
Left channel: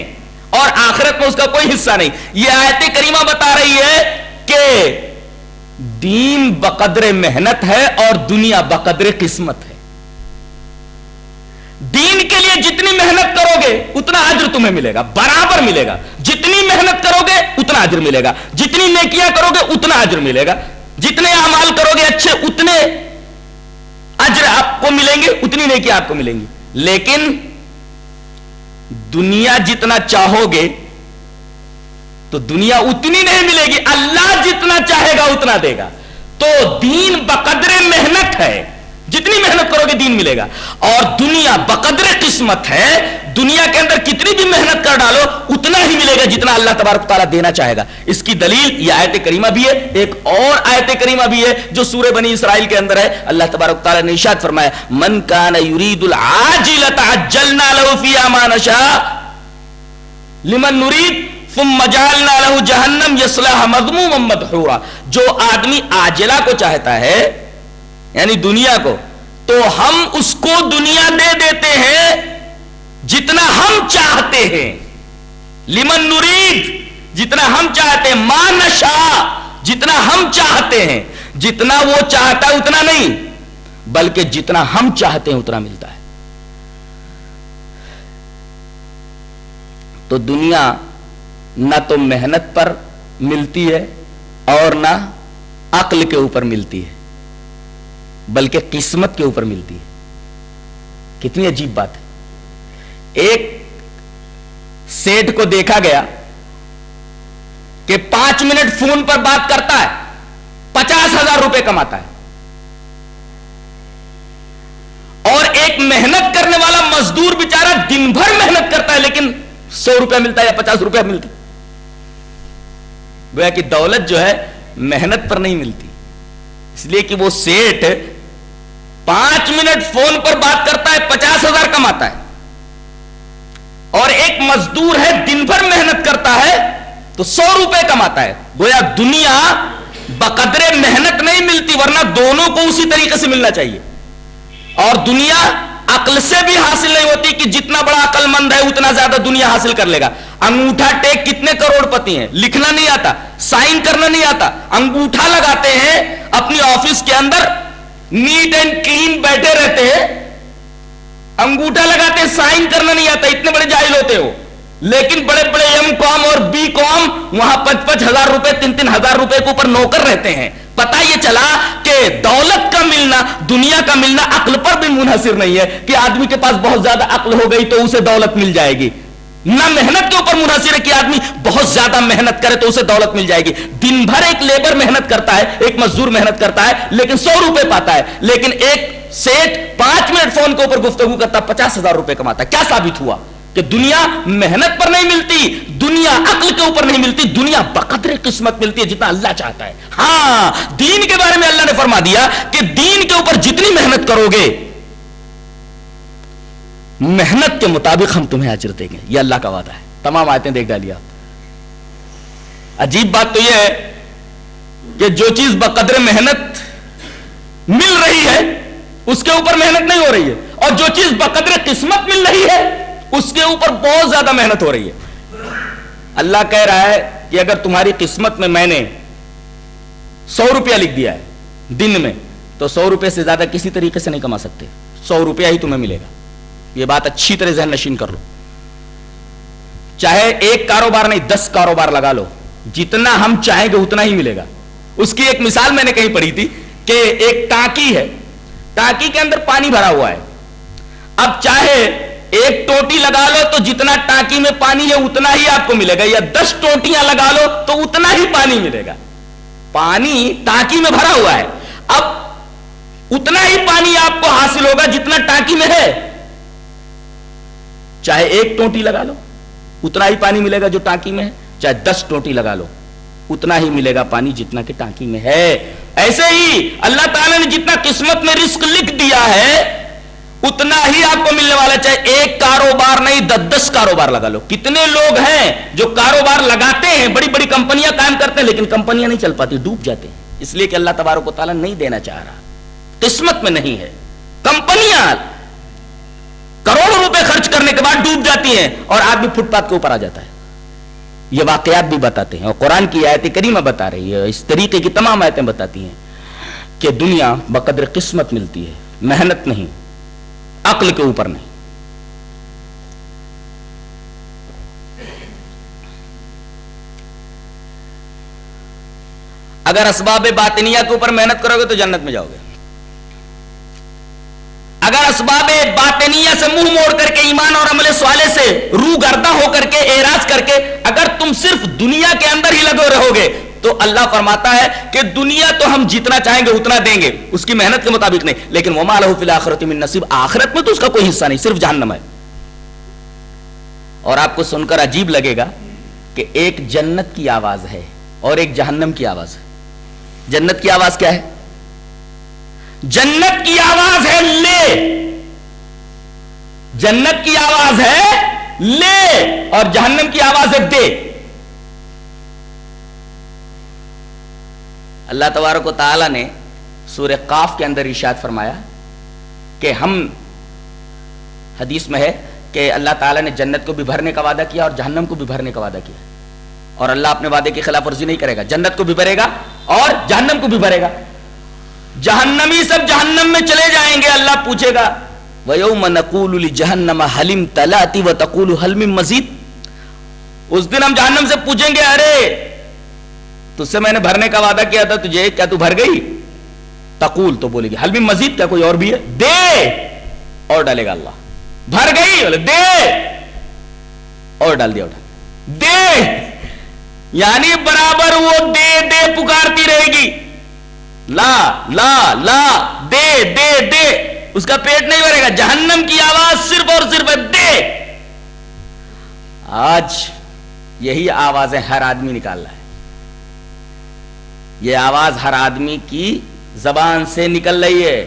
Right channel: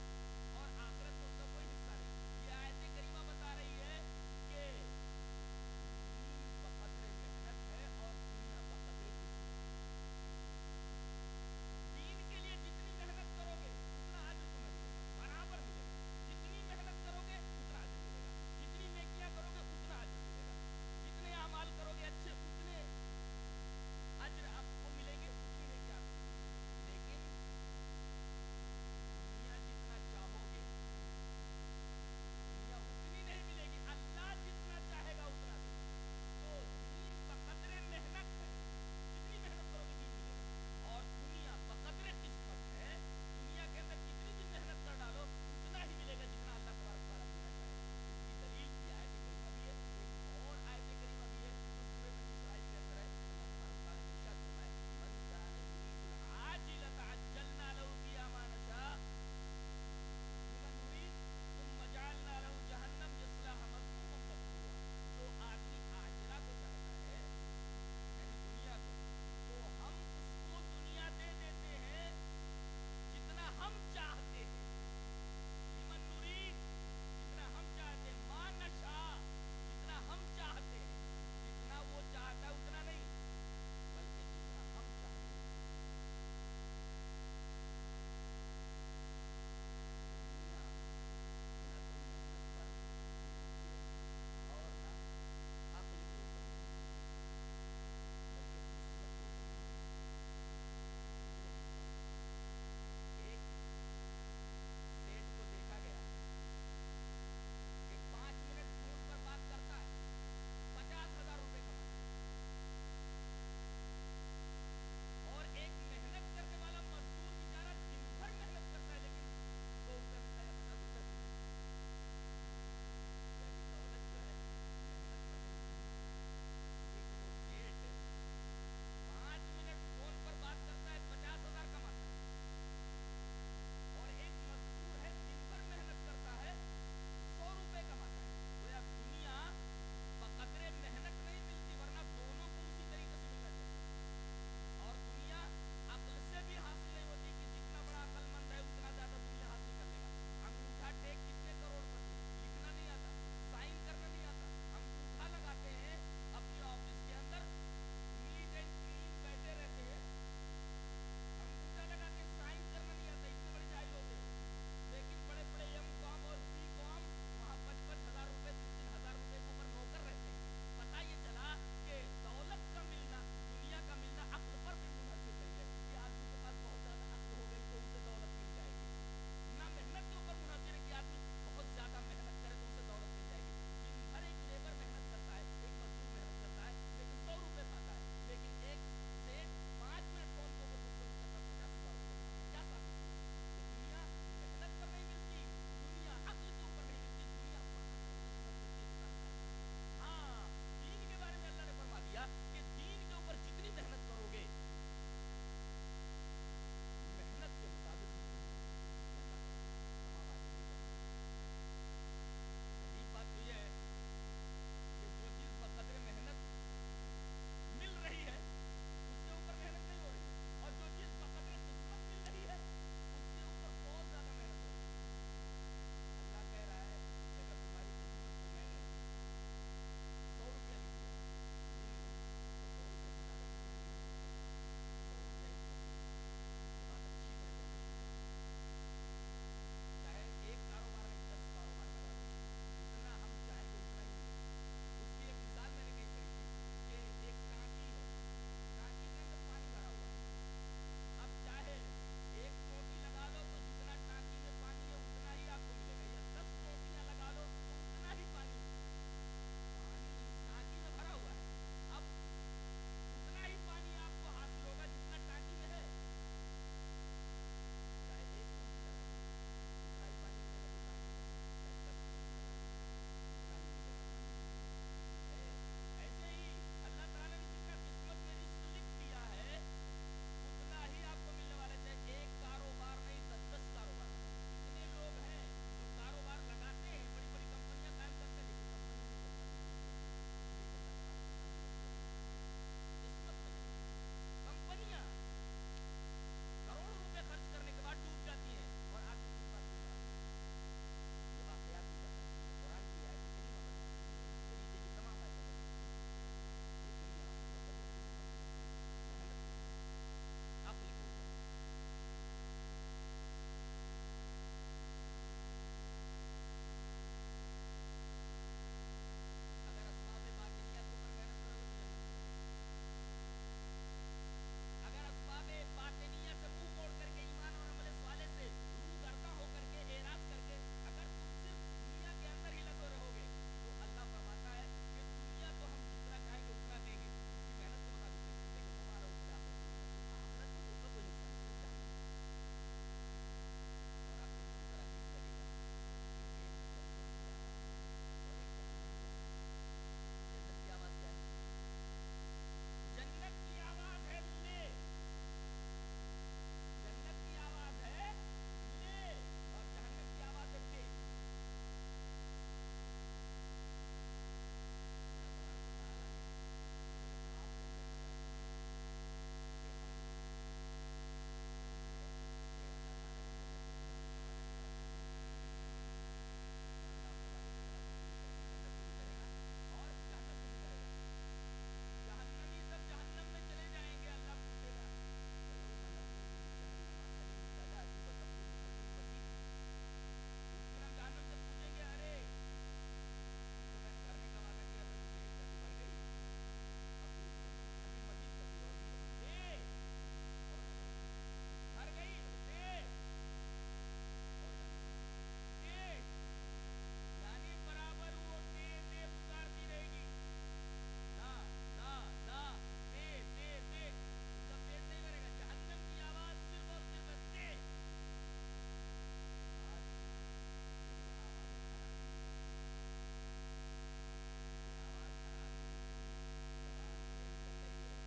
اور آخرت میں اس کا کوئی حصہ نہیں. یہ آیت کریمہ بتا رہی ہے کہ دین بقدر محنت ہے اور دنیا بقدر قسمت ہے. دین کے لیے جتنی محنت کرو گے اتنا اجر تمہیں ملے گا, برابر ملے گا. جتنی محنت کرو گے اتنا اجر ملے گا, جتنی نیکیاں کرو گے اتنا اجر ملے گا, جتنے اعمال کرو گے اچھے اتنے اجر آپ کو ملیں گے, اتنی نیکیاں آپ کو ملیں گی. لیکن دنیا جتنا چاہو گے تو دنیا اتنی نہیں ملے گی, اللہ جتنا چاہے گا اتنا دے گا. تو دین بقدر محنت ہے, جتنی محنت کرو گے دین ملے گا. اور دنیا بقدر قسمت ہے, دنیا کے اندر کتنی بھی محنت کر ڈالو اتنا ہی ملے گا جتنا اللہ تبارک تعالیٰ دینا چاہے گا. اس کی دلیل یہ آیت کریمہ بھی ہے. ایک اور آیت کریمہ بھی ہے جو سورہ بنی اسرائیل کے اندر ہے. اللہ تبارک تعالیٰ نے ارشاد فرمایا من کان یرید العاجلۃ عجلنا له فیہا ما نشاء لمن نرید ثم جعلنا له جہنم یصلاها مذموما مدحورا. جو آدمی عاجلہ کو چاہتا ہے یعنی دنیا کو, تو ہم اس کو دنیا دے دیتے ہیں جتنا ہم چاہتے ہیں. لمن نرید, جتنا ہم چاہتے ہیں, ما نشاء, جتنا ہم چاہتے ہیں. جتنا وہ چاہتا ہے اتنا نہیں بلکہ جتنا ہم چاہتے ہیں اتنا ملتا ہے. تو دنیا نہ تو محنت پر ملتی ہے اور نہ عقل کے اوپر ملتی ہے بلکہ قسمت کے اوپر ملتی ہے. کتنی عجیب بات ہے. ایک سیٹ کو دیکھا گیا کہ 5 منٹ فون پر بات کرتا ہے, 50,000 روپے کماتا ہے. اور ایک محنت کرنے والا مزدور بیچارہ دن بھر محنت کرتا ہے لیکن 100 روپے ملتا ہے یا 50 روپے ملتا ہے. گویا کہ دولت جو ہے محنت پر نہیں ملتی، اس لیے کہ وہ سیٹ 5 منٹ فون پر بات کرتا ہے 50,000 کماتا ہے، اور ایک مزدور ہے دن بھر محنت کرتا ہے تو 100 روپے کماتا ہے۔ گویا دنیا بقدر محنت نہیں ملتی، ورنہ دونوں کو اسی طریقے سے ملنا چاہیے۔ اور دنیا عقل سے بھی حاصل نہیں ہوتی کہ جتنا بڑا عقل مند ہے اتنا زیادہ دنیا حاصل کر لے گا۔ انگوٹھا ٹیک کتنے کروڑ پتی ہیں، لکھنا نہیں آتا، سائن کرنا نہیں آتا، انگوٹھا لگاتے ہیں اپنی آفس کے اندر، نیٹ اینڈ کلین بیٹھے رہتے ہیں، انگوٹھا لگاتے ہیں، سائن کرنا نہیں آتا، اتنے بڑے جاہل ہوتے ہو، لیکن بڑے بڑے ایم کام اور بی کام وہاں 5,000 روپے 3,000 روپے کے اوپر نوکر رہتے ہیں۔ پتا یہ چلا کہ دولت کا ملنا، دنیا کا ملنا عقل پر بھی منحصر نہیں ہے کہ آدمی کے پاس بہت زیادہ عقل ہو گئی تو اسے دولت مل جائے گی، نہ محنت کے اوپر منحصر ہے کہ آدمی بہت زیادہ محنت کرے تو اسے دولت مل جائے گی۔ دن بھر ایک لیبر محنت کرتا ہے، ایک مزدور محنت کرتا ہے لیکن 100 روپے پاتا ہے، لیکن ایک سیٹ 5 منٹ فون کے اوپر گفتگو کرتا 50,000 روپے کماتا ہے۔ کیا ثابت ہوا کہ دنیا محنت پر نہیں ملتی، دنیا عقل کے اوپر نہیں ملتی، دنیا بقدر قسمت ملتی ہے جتنا اللہ چاہتا ہے۔ ہاں دین کے بارے میں اللہ نے فرما دیا کہ دین کے اوپر جتنی محنت کرو گے محنت کے مطابق ہم تمہیں اجر دیں گے، یہ اللہ کا وعدہ ہے۔ تمام آیتیں دیکھ ڈالی آپ۔ عجیب بات تو یہ ہے کہ جو چیز بقدر محنت مل رہی ہے اس کے اوپر محنت نہیں ہو رہی ہے، اور جو چیز بقدر قسمت مل رہی ہے اس کے اوپر بہت زیادہ محنت ہو رہی ہے۔ اللہ کہہ رہا ہے کہ اگر تمہاری قسمت میں میں نے 100 روپیہ لکھ دیا ہے دن میں، تو 100 روپے سے زیادہ کسی طریقے سے نہیں کما سکتے، 100 روپیہ ہی تمہیں ملے گا۔ یہ بات اچھی طرح ذہن نشین کر لو، چاہے ایک کاروبار نہیں 10 کاروبار لگا لو، جتنا ہم چاہیں گے اتنا ہی ملے گا۔ اس کی ایک مثال میں نے کہیں پڑھی تھی کہ ایک ٹانکی ہے، ٹانکی کے اندر پانی بھرا ہوا ہے، اب چاہے ایک ٹوٹی لگا لو تو جتنا ٹانکی میں پانی ہے اتنا ہی آپ کو ملے گا، یا 10 ٹوٹیاں لگا لو تو اتنا ہی پانی ملے گا۔ پانی ٹانکی میں بھرا ہوا ہے، اب اتنا ہی پانی آپ کو حاصل ہوگا جتنا ٹانکی میں ہے، چاہے ایک ٹوٹی لگا لو اتنا ہی پانی ملے گا جو ٹانکی میں ہے، چاہے 10 ٹوٹی لگا لو اتنا ہی ملے گا پانی جتنا کہ ٹانکی میں ہے۔ ایسے ہی اللہ تعالیٰ نے جتنا قسمت میں رزق لکھ دیا ہے اتنا ہی آپ کو ملنے والا، چاہے ایک کاروبار نہیں 10 کاروبار لگا لو۔ کتنے لوگ ہیں جو کاروبار لگاتے ہیں، بڑی بڑی کمپنیاں قائم کرتے ہیں، لیکن کمپنیاں نہیں چل پاتی، ڈوب جاتے ہیں، اس لیے کہ اللہ تبارک و تعالیٰ نہیں دینا چاہ رہا، قسمت میں نہیں ہے۔ کمپنیاں کروڑوں روپے خرچ کرنے کے بعد ڈوب جاتی ہیں اور آدمی فٹ پاتھ کے اوپر آ جاتا ہے۔ یہ واقعات بھی بتاتے ہیں، اور قرآن کی آیت کریمہ بتا رہی ہے، اس طریقے کی تمام آیتیں بتاتی ہیں کہ دنیا بقدر قسمت ملتی ہے، محنت نہیں، عقل کے اوپر نہیں۔ اگر اسباب باطنیہ کے اوپر محنت کرو گے تو جنت میں جاؤ گے، اگر اسباب باطنیہ سے منہ موڑ کر کے ایمان اور عمل صالح سے روح گردہ ہو کر کے اعراض کر کے اگر تم صرف دنیا کے اندر ہی لگے رہو گے تو اللہ فرماتا ہے کہ دنیا تو ہم جتنا چاہیں گے اتنا دیں گے، اس کی محنت کے مطابق نہیں، لیکن وما لہ فی الآخرۃ من نصیب، آخرت میں تو اس کا کوئی حصہ نہیں، صرف جہنم ہے۔ اور آپ کو سن کر عجیب لگے گا کہ ایک جنت کی آواز ہے اور ایک جہنم کی آواز ہے۔ جنت کی آواز کیا ہے؟ جنت کی آواز ہے لے، جنت کی آواز ہے لے، اور جہنم کی آواز ہے دے۔ اللہ تبارک و تعالی نے سورہ قاف کے اندر ارشاد فرمایا کہ ہم، حدیث میں ہے کہ اللہ تعالیٰ نے جنت کو بھی بھرنے کا وعدہ کیا اور جہنم کو بھی بھرنے کا وعدہ کیا، اور اللہ اپنے وعدے کی خلاف ورزی نہیں کرے گا، جنت کو بھی بھرے گا اور جہنم کو بھی بھرے گا۔ جہنمی سب جہنم میں چلے جائیں گے، اللہ پوچھے گا وَيَوْمَ نَقُولُ لِجَهَنَّمَ هَلِ امْتَلَأْتِ وَتَقُولُ هَلْ مِن مَّزِيدٍ، اس دن ہم جہنم سے پوچھیں گے ارے تجھ سے میں نے بھرنے کا وعدہ کیا تھا تجھے، کیا تو بھر گئی؟ تقول تو بولے گی هَلْ مِن مَّزِيدٍ، کیا کوئی اور بھی ہے؟ دے، اور ڈالے گا اللہ، بھر گئی بولے دے، اور ڈال دیا، دے، یعنی برابر وہ دے دے پکارتی رہے گی، لا لا لا، دے دے دے، اس کا پیٹ نہیں بھرے گا۔ جہنم کی آواز صرف اور صرف دے۔ آج یہی آوازیں ہر آدمی نکال رہا ہے، یہ آواز ہر آدمی کی زبان سے نکل رہی ہے.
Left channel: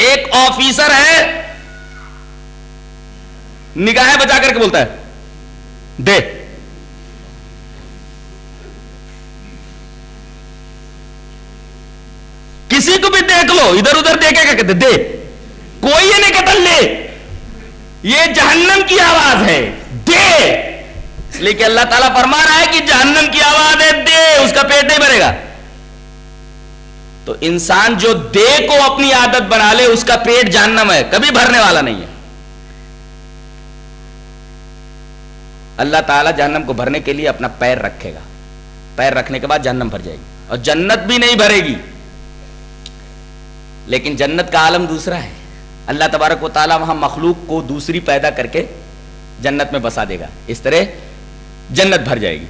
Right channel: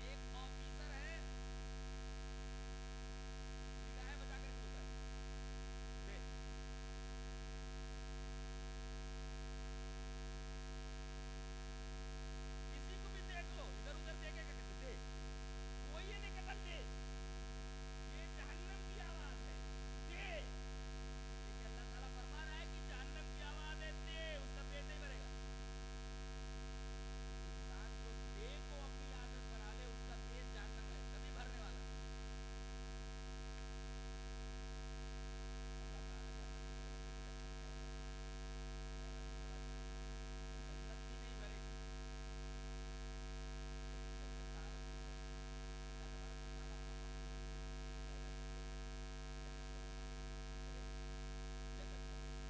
ایک آفیسر ہے, نگاہیں بچا کر کے بولتا ہے دے, کسی کو بھی دیکھ لو ادھر ادھر دیکھے گا کہتے دے, کوئی یہ نہیں کہتا لے. یہ جہنم کی آواز ہے دے, اس لیے کہ اللہ تعالیٰ فرما رہا ہے کہ جہنم کی آواز ہے دے, اس کا پیٹ نہیں بھرے گا. تو انسان جو دے کو اپنی عادت بنا لے اس کا پیٹ جہنم ہے, کبھی بھرنے والا نہیں ہے. اللہ تعالیٰ جہنم کو بھرنے کے لیے اپنا پیر رکھے گا, پیر رکھنے کے بعد جہنم بھر جائے گی اور جنت بھی نہیں بھرے گی. لیکن جنت کا عالم دوسرا ہے. اللہ تبارک و تعالیٰ وہاں مخلوق کو دوسری پیدا کر کے جنت میں بسا دے گا, اس طرح جنت بھر جائے گی.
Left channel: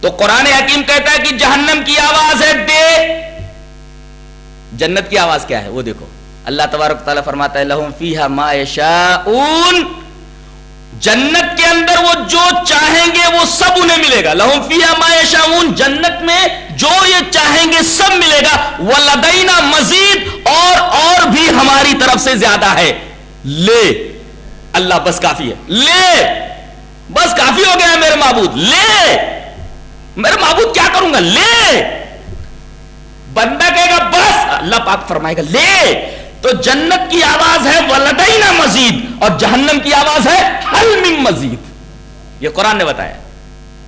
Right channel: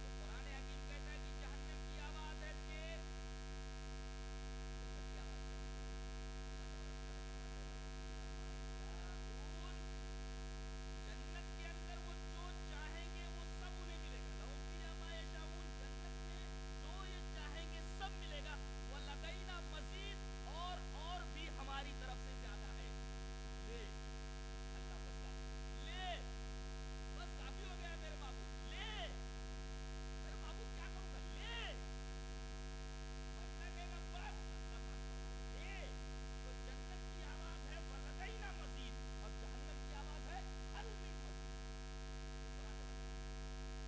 تو قرآن حکیم کہتا ہے کہ جہنم کی آواز ہے دے, جنت کی آواز کیا ہے وہ دیکھو. اللہ تبارک و تعالیٰ فرماتا ہے لہم فیہا ما یشاؤون, جنت کے اندر وہ جو چاہیں گے وہ سب انہیں ملے گا. لہم فیہا ما یشاؤون, جنت میں جو یہ چاہیں گے سب ملے گا. ولدینا مزید, اور بھی ہماری طرف سے زیادہ ہے. لے اللہ بس کافی ہے, لے بس کافی ہو گیا ہے میرے معبود, لے میرے معبود کیا کروں گا, لے. بندہ کہے گا بس, اللہ پاک فرمائے گا لے. تو جنت کی آواز ہے ولدینا مزید, اور جہنم کی آواز ہے حل من مزید. یہ قرآن نے بتایا,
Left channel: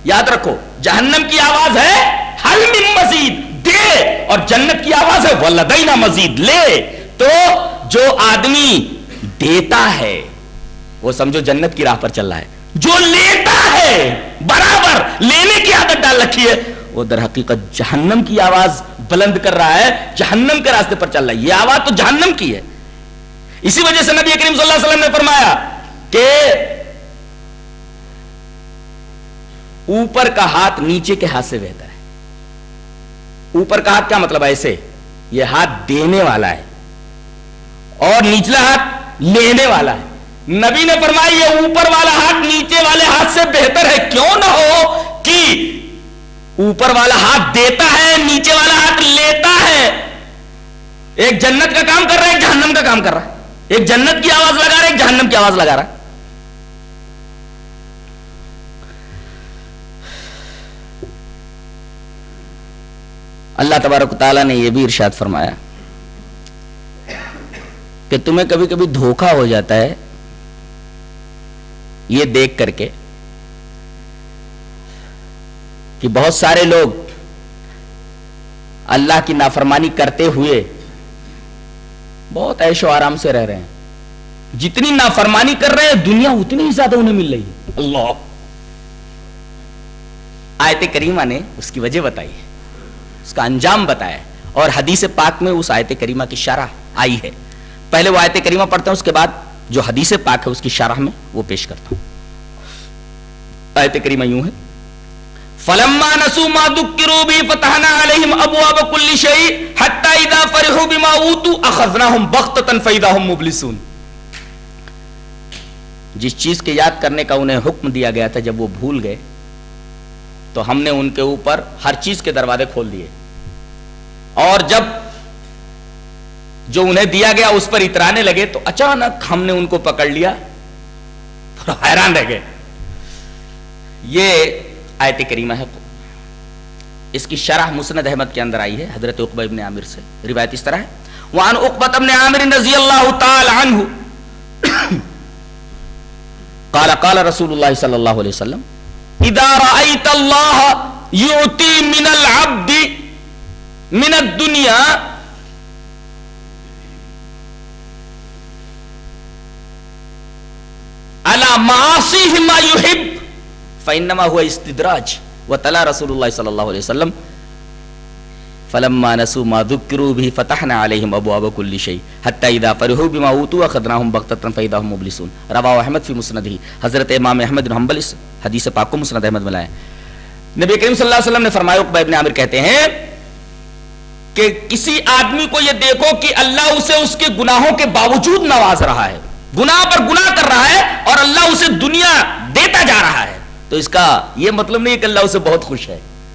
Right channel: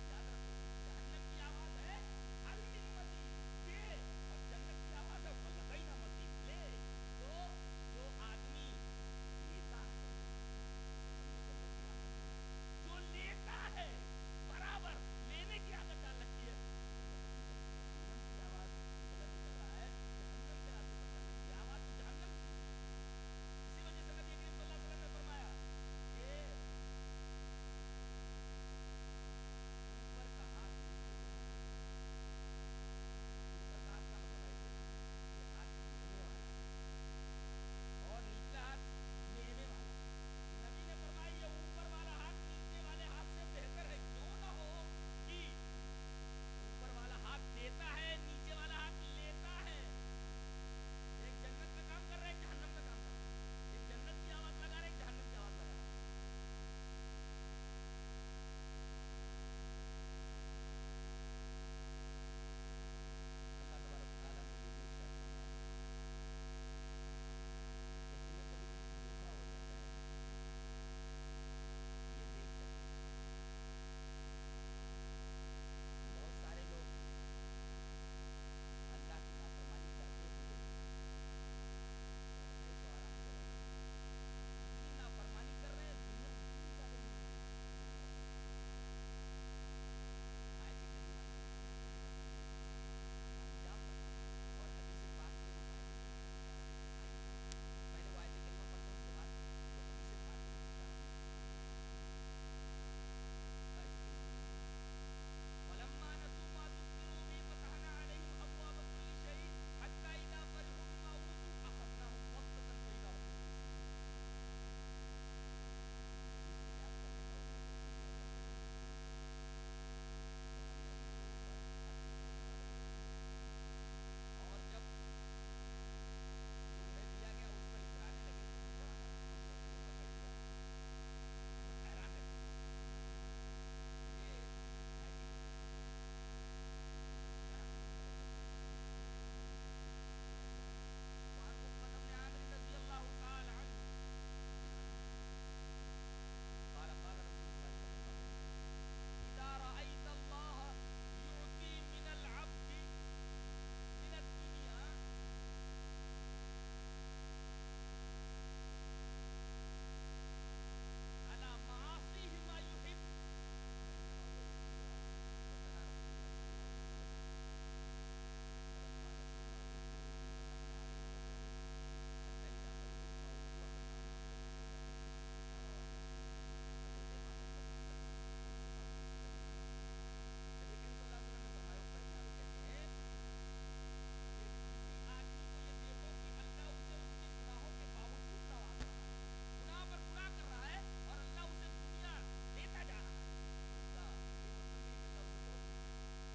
یاد رکھو. جہنم کی آواز ہے حل من مزید دے, اور جنت کی آواز ہے ولدینا مزید لے. تو جو آدمی دیتا ہے وہ سمجھو جنت کی راہ پر چل رہا ہے. جو لیتا ہے برابر لینے کی عادت ڈال رکھی ہے وہ در حقیقت جہنم کی آواز بلند کر رہا ہے, جہنم کے راستے پر چل رہا ہے. یہ آواز تو جہنم کی ہے. اسی وجہ سے نبی کریم صلی اللہ علیہ وسلم نے فرمایا کہ اوپر کا ہاتھ نیچے کے ہاتھ سے بہتر ہے. اوپر کا ہاتھ کیا مطلب ہے, ایسے یہ ہاتھ دینے والا ہے اور نچلا ہاتھ لینے والا ہے. نبی نے فرمایا یہ اوپر والا ہاتھ نیچے والے ہاتھ سے بہتر ہے. کیوں نہ ہو کہ اوپر والا ہاتھ دیتا ہے, نیچے والا ہاتھ لیتا ہے. ایک جنت کا کام کر رہا ہے, ایک جہنم کا کام کر رہا ہے. ایک جنت کی آواز لگا رہا ہے, ایک جہنم کی آواز لگا رہا ہے. اللہ تبارک و تعالیٰ نے یہ بھی ارشاد فرمایا کہ تمہیں کبھی کبھی دھوکہ ہو جاتا ہے یہ دیکھ کر کے کہ بہت سارے لوگ اللہ کی نافرمانی کرتے ہوئے بہت عیش و آرام سے رہ رہے ہیں. جتنی نافرمانی کر رہے ہیں دنیا اتنی ہی زیادہ انہیں مل رہی ہے. اللہ, آیت کریمہ نے اس کی وجہ بتائی ہے, اس کا انجام بتایا, اور حدیث پاک میں اس آیت کریمہ کی شرح آئی ہے. پہلے وہ آیت کریمہ پڑھتا ہوں, اس کے بعد جو حدیث پاک ہے اس کی شرح میں وہ پیش کرتا ہوں. آیت کریمہ یوں ہے فَلَمَّا نَسُوا مَا ذُكِّرُوا بِهِ فَتَحْنَا عَلَيْهِمْ أَبْوَابَ كُلِّ شَيْءٍ حَتَّى إِذَا فَرِحُوا بِمَا أُوتُوا أَخَذْنَاهُمْ بَغْتَةً فَإِذَا هُمْ مُبْلِسُونَ. جس چیز کے یاد کرنے کا انہیں حکم دیا گیا تھا جب وہ بھول گئے تو ہم نے ان کے اوپر ہر چیز کے دروازے کھول دیے, اور جب جو انہیں دیا گیا اس پر اترانے لگے تو اچانک ہم نے ان کو پکڑ لیا, حیران رہ گئے. یہ آیت کریمہ ہے. اس کی شرح مسند احمد کے اندر آئی ہے حضرت عقبہ ابن عامر سے. روایت اس طرح ہے وعن عقبہ ابن عامر رضی اللہ تعالی عنہ قال قال رسول اللہ صلی اللہ علیہ وسلم اذا رأيت اللہ یعطی من العبد من الدنیا على معاصیہ ما يحب فإنما هو استدراج. وتلا رسول اللہ صلی اللہ علیہ وسلم فلما نسوا ما ذكروا به فتحنا عليهم ابواب كل شيء حتى اذا فرحوا بما اوتوا اخذناهم بغتة فاذا هم مبلسون. رواه احمد في مسنده. حضرت امام احمد بن حنبل اس حدیث پاک کو مسند احمد میں لائے. نبی کریم صلی اللہ علیہ وسلم نے فرمایا, عقبہ ابن عامر کہتے ہیں کہ کسی آدمی کو یہ دیکھو کہ اللہ اسے اس کے گناہوں کے باوجود نواز رہا ہے, گناہ پر گناہ کر رہا ہے اور اللہ اسے دنیا دیتا جا رہا ہے, تو اس کا یہ مطلب نہیں کہ اللہ اسے بہت خوش ہے.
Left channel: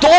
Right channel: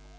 2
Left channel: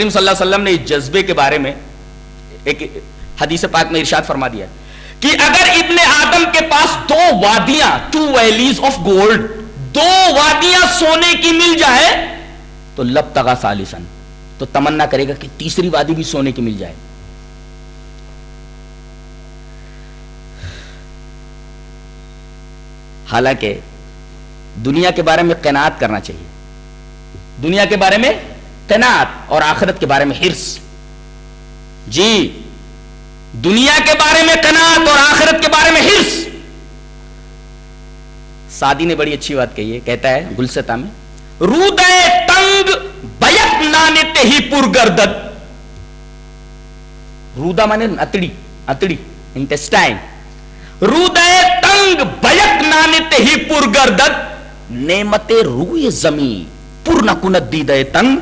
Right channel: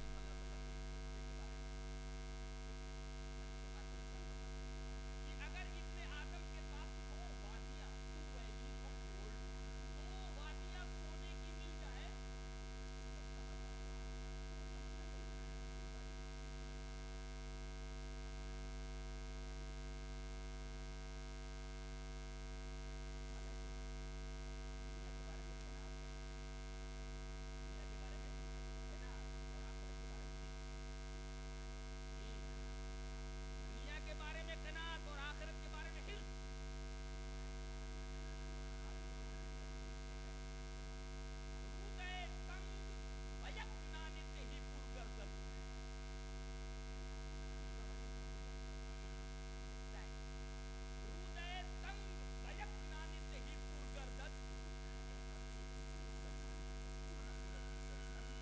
کریم صلی اللہ علیہ وسلم نے اس جذبے کے بارے میں ایک حدیث پاک میں ارشاد فرما دیا کہ اگر ابن آدم کے پاس 2 وادیاں 2 ویلیز آف گولڈ 2 وادیاں سونے کی مل جائے تو لبتغا ثالثاً تو تمنا کرے گا کہ تیسری وادی بھی سونے کی مل جائے. حالانکہ دنیا کے بارے میں قناعت کرنا چاہیے, دنیا کے بارے میں قناعت اور آخرت کے بارے میں حرص. جی دنیا کے بارے میں قناعت اور آخرت کے بارے میں حرص. سعدی نے بڑی اچھی بات کہی ہے, کہتا ہے گلستہ میں رودے تنگ بیک نانتے ہی پرگردد. رودا مانے اتڑی انٹسٹائن. رودے تنگ بیک نانتے ہی پرگردد نعمت روئے زمین پر نہ کند دیدے تنگ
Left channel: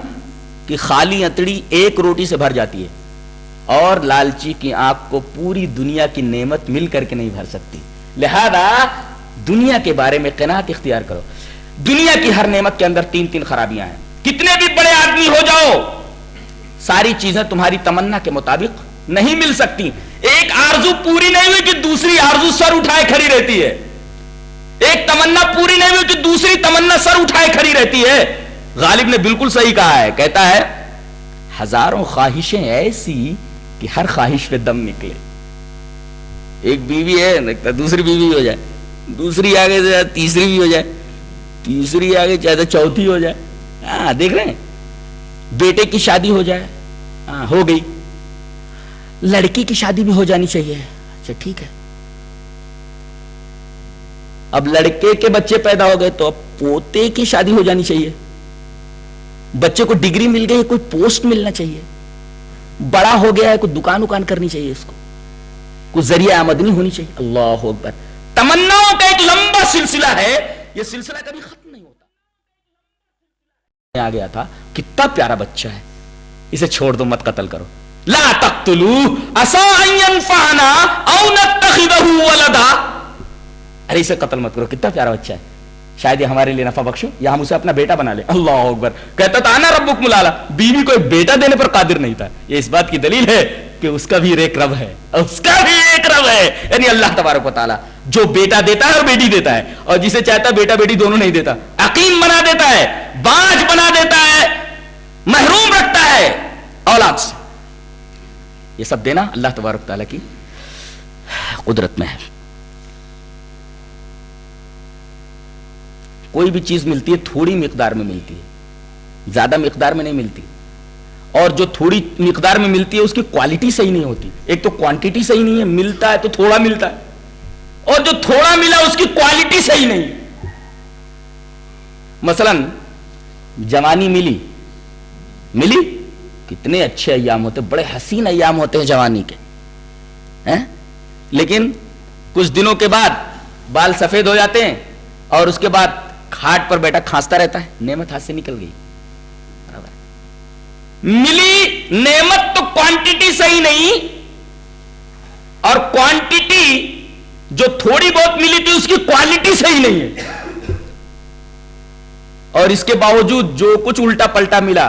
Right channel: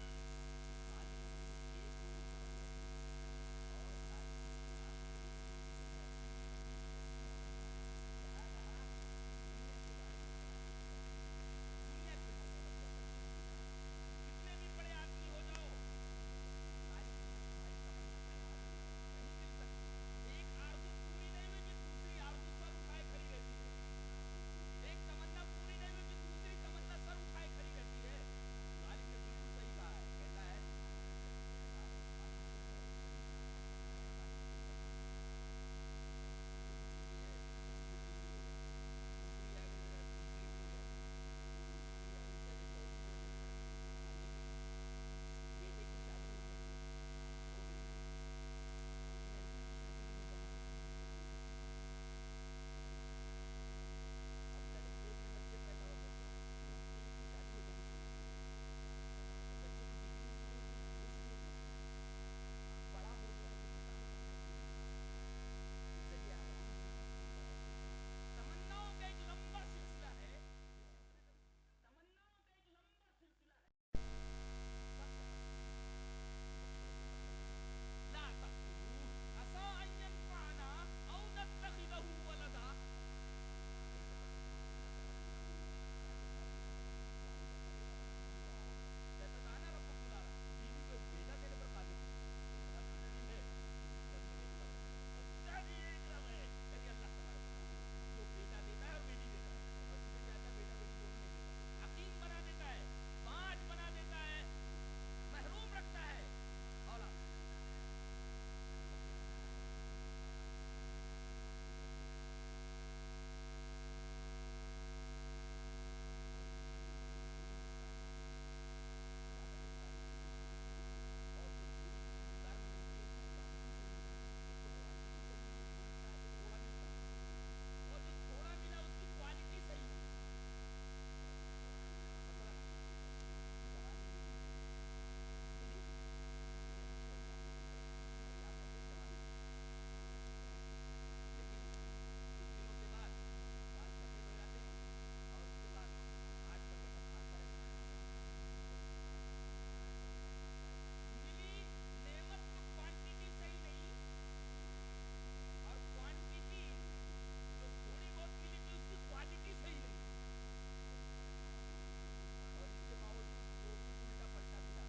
کہ خالی اتڑی ایک روٹی سے بھر جاتی ہے اور لالچی کی آنکھ کو پوری دنیا کی نعمت مل کر کے نہیں بھر سکتی. لہذا دنیا کے بارے میں قناعت اختیار کرو. دنیا کی ہر نعمت کے اندر 3 خرابیاں ہیں. کتنے بھی بڑے آدمی ہو جاؤ ساری چیزیں تمہاری تمنا کے مطابق نہیں مل سکتی. ایک آرزو پوری نہیں ہوئی کہ دوسری آرزو سر اٹھائے کھڑی رہتی ہے. ایک تمنا پوری نہیں ہوئی کہ دوسری تمنا سر اٹھائے کھڑی رہتی ہے. غالب نے بالکل صحیح کہا ہے, کہتا ہے ہزاروں خواہشیں ایسی کہ ہر خواہش پہ دم نکلے. ایک بیوی ہے دوسری بیوی ہو جائے, دوسری آگے سے تیسری بھی ہو جائے, تیسری آگے چاہے تو چوتھی ہو جائے. ہاں دیکھ رہے ہیں, بیٹے کی شادی ہو جائے, ہاں ہو گئی. لڑکی کی شادی بھی ہو جانی چاہیے, اچھا ٹھیک ہے. اب لڑکے کے بچے پیدا ہو گئے تو اب پوتے کی شادی ہو جانی چاہیے. بچے کو ڈگری مل گئی, کوئی پوسٹ ملنا چاہیے. بڑا ہو گیا ہے, کوئی دکان کرنی چاہیے, اس کو کوئی ذریعہ آمدنی ہونی چاہیے. اللہ اکبر. تمناؤں کا ایک لمبا سلسلہ ہے, یہ سلسلہ کبھی ختم نہیں ہوتا. آ گیا تھا, کتنا پیارا بچہ ہے, اسے چھوڑ دو, مت قتل کرو. لا تقتلوا عسى ان ينفعنا او نتخذه ولدا. ارے اسے قتل مت کرو, کتنا پیارا بچہ ہے, شاید یہ ہمارے لیے نفع بخشو یا ہم اسے اپنا بیٹا بنا لیں. اللہ اکبر. کہتا تھا انا ربکم الاعلی. بیوی کو ایک بیٹا دینے پر قادر نہیں تھا. یہ اس بات کی دلیل ہے کہ اس کا بھی ایک رب ہے, اس کا بھی ایک رب ہے, یعنی اللہ تبارک و تعالی جو بیٹا دیتا ہے اور بیٹی دیتا ہے, اور جسے چاہتا ہے بیٹا بیٹی دونوں نہیں دیتا. عقیم بنا دیتا ہے, باج بنا دیتا ہے, محروم رکھتا ہے اولاد سے. یہ سب دینا اللہ تبارک و تعالی کی قدرت میں ہے. کوئی بھی چیز ملتی ہے تھوڑی مقدار میں ملتی ہے, زیادہ مقدار میں نہیں ملتی. اور جو تھوڑی مقدار میں ملتی ہے اس کی کوالٹی صحیح نہیں ہوتی. ایک تو کوانٹیٹی صحیح نہیں ہے, ملتا ہے تو تھوڑا ملتا ہے, اور جو تھوڑا ملا اس کی کوالٹی صحیح نہیں. مثلا جوانی ملی کتنے اچھے ایام ہوتے, بڑے حسین ایام ہوتے ہیں جوانی کے, لیکن کچھ دنوں کے بعد بال سفید ہو جاتے ہیں اور اس کے بعد کھاٹ پر بیٹا کھانستا رہتا ہے. نعمت ہاتھ سے نکل گئی. ملی نعمت تو کوانٹیٹی صحیح نہیں, اور کوانٹیٹی جو تھوڑی بہت ملی تھی اس کی کوالٹی صحیح نہیں ہے. اور اس کے باوجود جو کچھ الٹا پلٹا ملا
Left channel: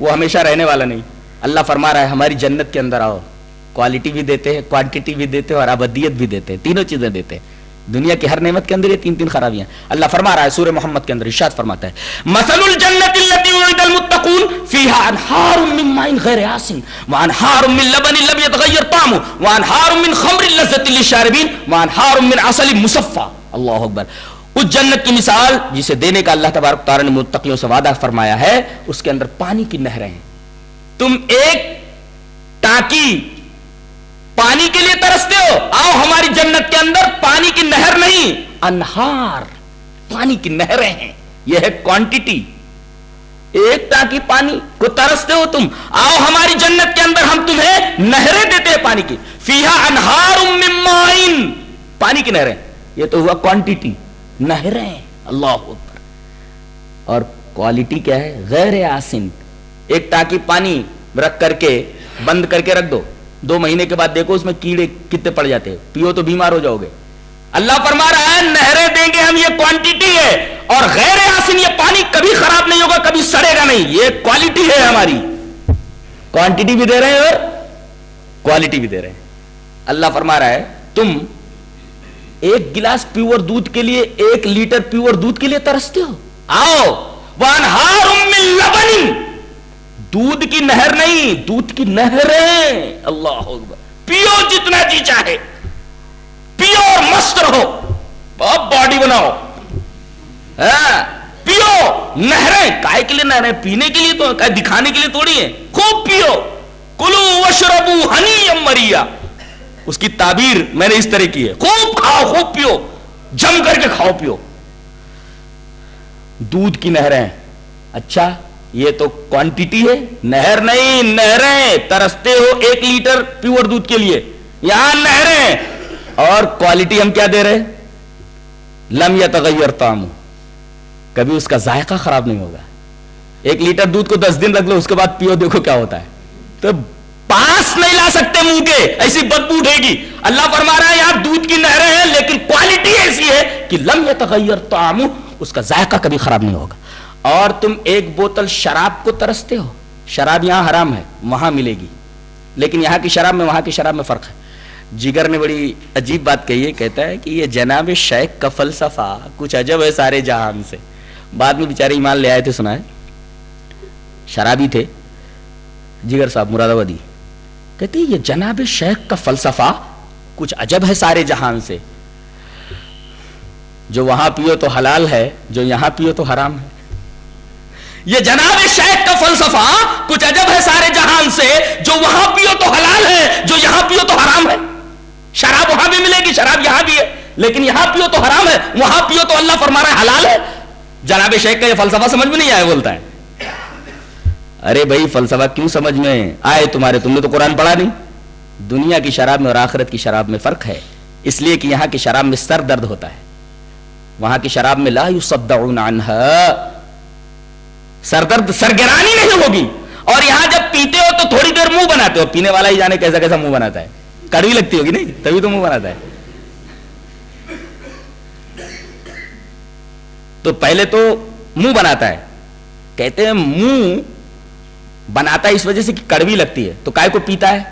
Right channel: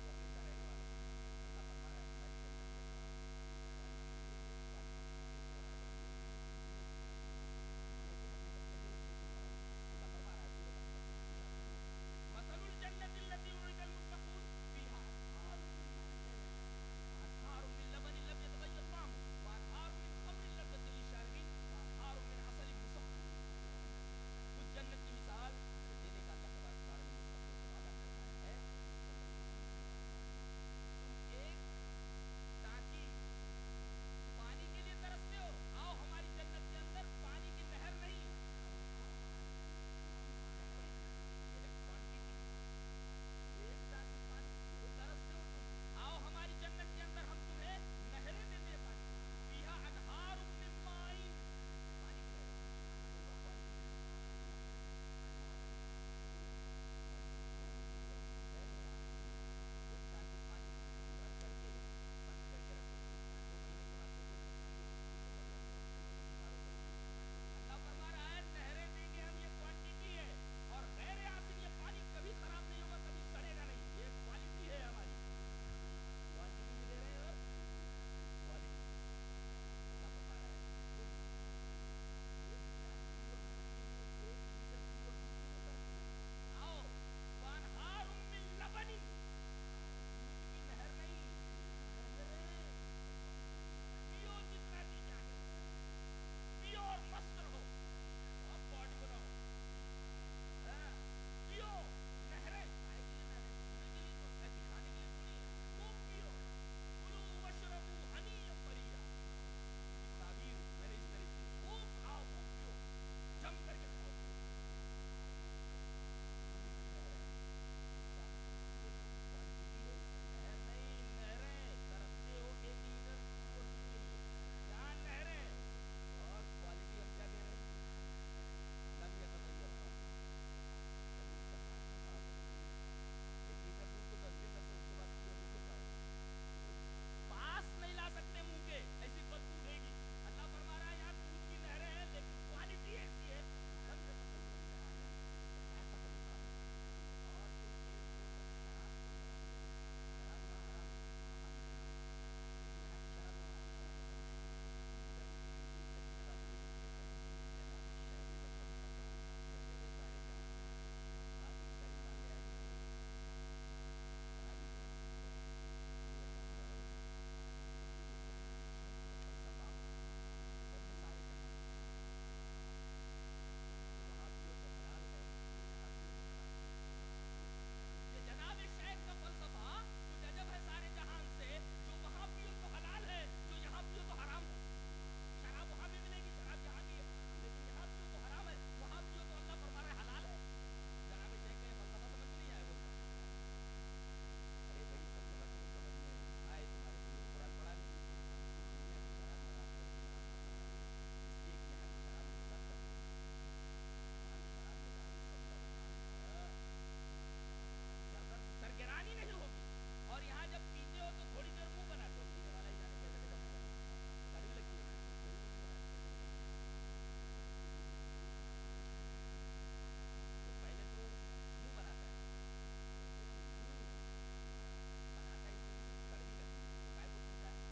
وہ ہمیشہ رہنے والا نہیں. اللہ فرما رہا ہے ہماری جنت کے اندر آؤ, کوالٹی بھی دیتے ہیں, کوانٹیٹی بھی دیتے ہیں, اور ابدیت بھی دیتے ہیں. تینوں چیزیں دیتے ہیں. دنیا کی ہر نعمت کے اندر یہ 3 خرابیاں. اللہ فرما رہا ہے سورہ محمد کے اندر, ارشاد فرماتا ہے مثل الجنت التي وعد المتقون فيها انهار من ماء غير آسن وانهار من لبن لم يتغير طعمه وانهار من خمر لذة للشاربين وانهار من عسل مصفى. اللہ اکبر. اس جنت کی مثال جسے دینے کا اللہ تبارک تعالی نے متقیوں سے وعدہ فرمایا ہے, اس کے اندر پانی کی نہریں ہیں. تم ایک ٹانکی پانی کے لیے ترستے ہو, آؤ ہماری جنت کے اندر پانی کی نہر نہیں, انہار پانی کی نہریں ہیں. یہ ہے کوانٹیٹی. ایک ٹانکی پانی کو ترستے ہو تم, آؤ ہماری جنت کے اندر ہم تمہیں نہریں دیتے ہیں پانی کی. فیہا انہار من ماء, پانی کی نہریں. یہ تو ہوا کوانٹیٹی, نہریں. اللہ اکبر. اور کوالٹی کیا ہے, غیر آسن. ایک ٹانکی پانی رکھ کر کے بند کر کے رکھ دو, 2 مہینے کے بعد دیکھو اس میں کیڑے کتنے پڑ جاتے ہیں, پیو تو بیمار ہو جاؤ گے. اللہ فرما رہا ہے نہریں دیں گے ہم, یہ کوانٹیٹی ہے, اور غیر آسن یہ پانی کبھی خراب نہیں ہوگا, کبھی سڑے گا نہیں. یہ کوالٹی ہے ہماری, کوانٹٹی بھی دے رہے ہیں اور کوالٹی بھی دے رہے ہیں. اللہ فرما رہا ہے تم ایک گلاس پیور دودھ کے لیے 1 لیٹر پیور دودھ کے لیے ترستے ہو. آؤ وانہار من لبن, دودھ کی نہر نہیں, دودھ کی نہریں. اللہ اکبر, پیو جتنا جی چاہے, پیو اور مست رہو, بہت باڈی بناؤ, پیو. نہریں کائے کے لیے نہریں؟ پینے کے لیے تو, دکھانے کے لیے تھوڑی ہے. خوب پیو. کلو وشربو ہنی مریا, اس کی تعبیر میں نے اس طرح کی ہے, خوب کھاؤ خوب پیو, جم کر کے کھاؤ پیو. دودھ کی نہریں. اچھا یہ تو کوانٹٹی ہے, نہر نہیں, نہریں. ترستے ہو 1 لیٹر پیور دودھ کے لیے, یہاں نہریں. اور کوالٹی ہم کیا دے رہے؟ لم یتغیر طعمہ, کبھی اس کا ذائقہ خراب نہیں ہوگا. 1 لیٹر دودھ کو 10 دن رکھ لو, اس کے بعد پیو, دیکھو کیا ہوتا ہے. تو پاس نہیں لا سکتے منہ کے, ایسی بدبو اٹھے گی. اللہ فرما رہا ہے یار دودھ کی نہریں ہیں, لیکن کوالٹی ایسی ہے کہ لم یتغیر طعمہ, اس کا ذائقہ کبھی خراب نہیں ہوگا. اور تم 1 بوتل شراب کو ترستے ہو. شراب یہاں حرام ہے, وہاں ملے گی, لیکن یہاں کی شراب میں وہاں کی شراب میں فرق ہے. جگر نے بڑی عجیب بات کہی ہے, کہتا ہے کہ یہ جناب شیخ کا فلسفہ کچھ عجب ہے سارے جہان سے. بعد میں بیچارے ایمان لے آئے تھے, سنا ہے, شرابی تھے جگر صاحب مراد آبادی. کہتے یہ جناب شیخ کا فلسفہ کچھ عجب ہے سارے جہان سے, جو وہاں پیو تو حلال ہے, جو یہاں پیو تو حرام ہے. یہ جناب شیخ کا فلسفہ کچھ عجب ہے سارے جہان سے, جو وہاں پیو تو حلال ہے, جو یہاں پیو تو حرام ہے. شراب وہاں بھی ملے گی, شراب یہاں بھی ہے, لیکن یہاں پیو تو حرام ہے, وہاں پیو تو اللہ فرما رہا ہے حلال ہے. جناب شیخ کا یہ فلسفہ سمجھ میں نہیں آیا, بولتا ہے ارے بھائی فلسفہ کیوں سمجھ میں آئے تمہارے, تم نے تو قرآن پڑھا نہیں. دنیا کی شراب میں اور آخرت کی شراب میں فرق ہے, اس لیے کہ یہاں کی شراب میں سر درد ہوتا ہے, وہاں کی شراب میں لا یصدعون عنہا, سر درد سرگرانی نہیں ہوگی. اور یہاں جب پیتے ہو تو تھوڑی دیر منہ بناتے ہو, پینے والا ہی جانے کیسا کیسا منہ بناتا ہے, کڑوی لگتی ہوگی نہیں, تبھی تو منہ بناتا ہے. تو پہلے تو منہ بناتا ہے, کہتے ہیں منہ بناتا ہے اس وجہ سے کہ کڑوی لگتی ہے, تو کائے کو پیتا ہے.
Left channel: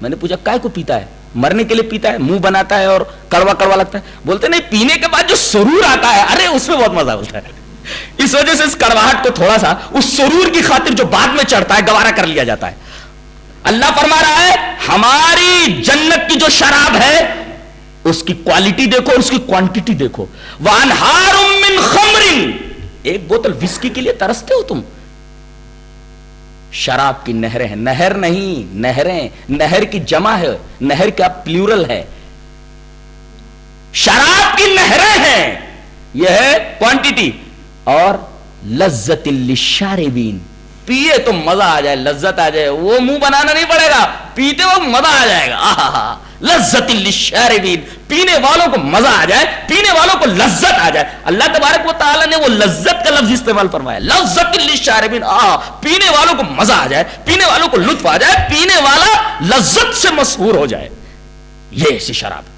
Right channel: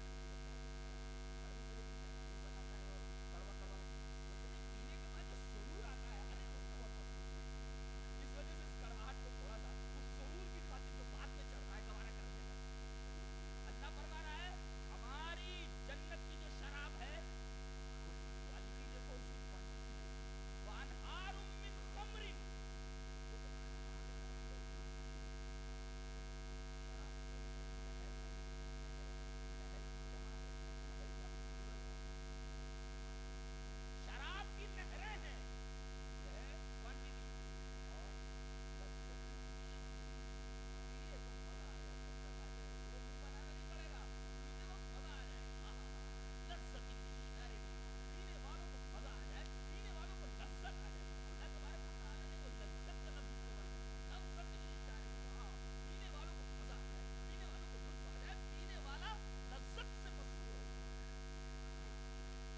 میں نے پوچھا کائے کو پیتا ہے؟ مرنے کے لیے پیتا ہے, منہ بناتا ہے اور کڑوا کڑوا لگتا ہے. بولتے نہیں, پینے کے بعد جو سرور آتا ہے, ارے اس میں بہت مزہ ہوتا ہے. اس وجہ سے اس کڑواہٹ کو تھوڑا سا اس سرور کی خاطر جو بعد میں چڑھتا ہے گوارا کر لیا جاتا ہے. اللہ فرما رہا ہے ہماری جنت کی جو شراب ہے اس کی کوالٹی دیکھو, اس کی کوانٹٹی دیکھو. وانہار من خمر, 1 بوتل وسکی کے لیے ترستے ہو تم. شراب کی نہریں ہیں, نہر نہیں نہریں, نہر کی جمع ہے, نہر کا پلیورل ہے. شراب کی نہریں ہیں, یہ ہے کوانٹٹی. اور لذت للشاربین, پیے تو مزہ آ جائے, لذت آ جائے, وہ منہ بنانا نہیں پڑے گا, پیتے وقت مزہ آ جائے گا. لذت للشاربین, پینے والوں کو مزہ آ جائے, پینے والوں کو لذت آ جائے. اللہ تبارک و تعالی نے وہ لذت کا لفظ استعمال فرمایا, لذت للشاربین, پینے والوں کو مزہ آ جائے, پینے والوں کو لطف آ جائے, پینے والا لذت سے مسحور ہو جائے. یہ ایسی شراب.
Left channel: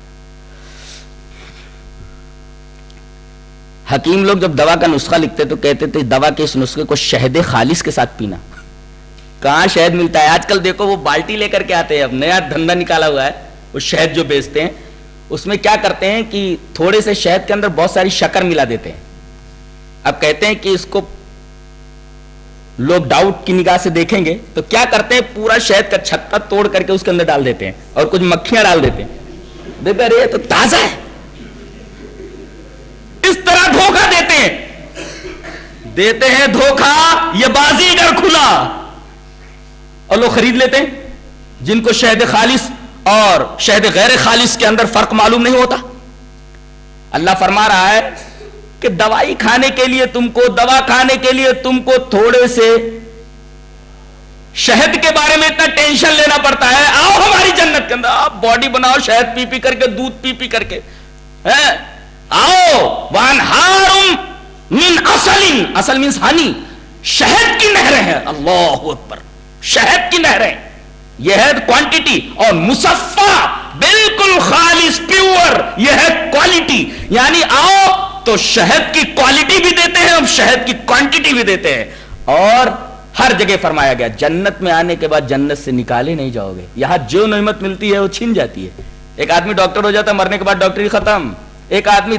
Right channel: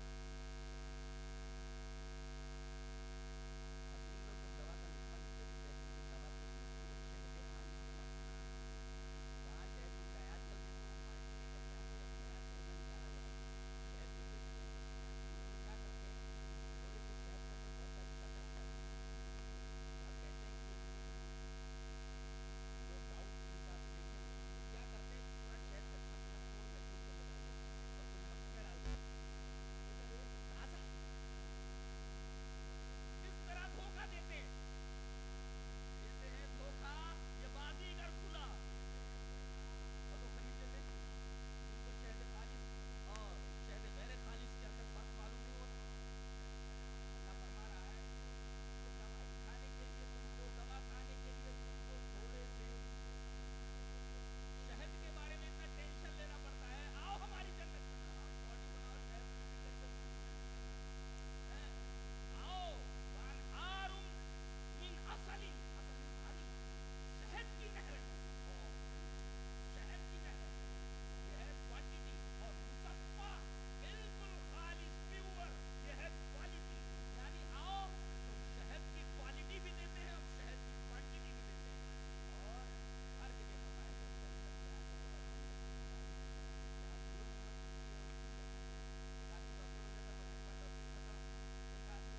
حکیم لوگ جب دوا کا نسخہ لکھتے تو کہتے تھے دوا کے اس نسخے کو شہد خالص کے ساتھ پینا. کہاں شہد ملتا ہے آج کل, دیکھو وہ بالٹی لے کر کے آتے ہیں, اب نیا دھندا نکالا ہوا ہے, وہ شہد جو بیچتے ہیں اس میں کیا کرتے ہیں کہ تھوڑے سے شہد کے اندر بہت ساری شکر ملا دیتے ہیں. اب کہتے ہیں کہ اس کو لوگ ڈاؤٹ کی نگاہ سے دیکھیں گے تو کیا کرتے ہیں, پورا شہد کا چھتا توڑ کر کے اس کے اندر ڈال دیتے ہیں اور کچھ مکھیاں ڈال دیتے ہیں. دیکھو ارے تو تازہ ہے, اس طرح دھوکہ دیتے ہیں دھوکہ, یہ بازیگر کھلا, اور لوگ خرید لیتے ہیں جن کو شہد خالص اور شہد غیر خالص کے اندر فرق معلوم نہیں ہوتا. اللہ فرما رہا ہے کہ دوائی کھانے کے لیے تم کو, دوا کھانے کے لیے تم کو تھوڑے سے شہد کے بارے میں اتنا ٹینشن لینا پڑتا ہے. آؤ ہماری جنت کے اندر, آپ باڈی بناؤ شہد پی پی کر کے, دودھ پی پی کر کے. آؤ وانہار من اصل, اصل مینس ہنی, شہد کی نہریں ہیں. اللہ اکبر, شہد کی نہریں, یہ ہے کوانٹٹی. اور مصفا بالکل خالص پیور, یہ ہے کوالٹی. یعنی آؤ تو شہد کی کوالٹی بھی دیتے ہیں، ہم شہد کی کوانٹٹی بھی دیتے ہیں. اور ہر جگہ فرمایا گیا جنت میں آنے کے بعد جنت سے نکالے نہیں جاؤ گے. یہاں جو نعمت ملتی ہے وہ چھن جاتی ہے. ایک آدمی ڈاکٹر ہو جاتا ہے، مرنے کے بعد ڈاکٹری ختم. ایک آدمی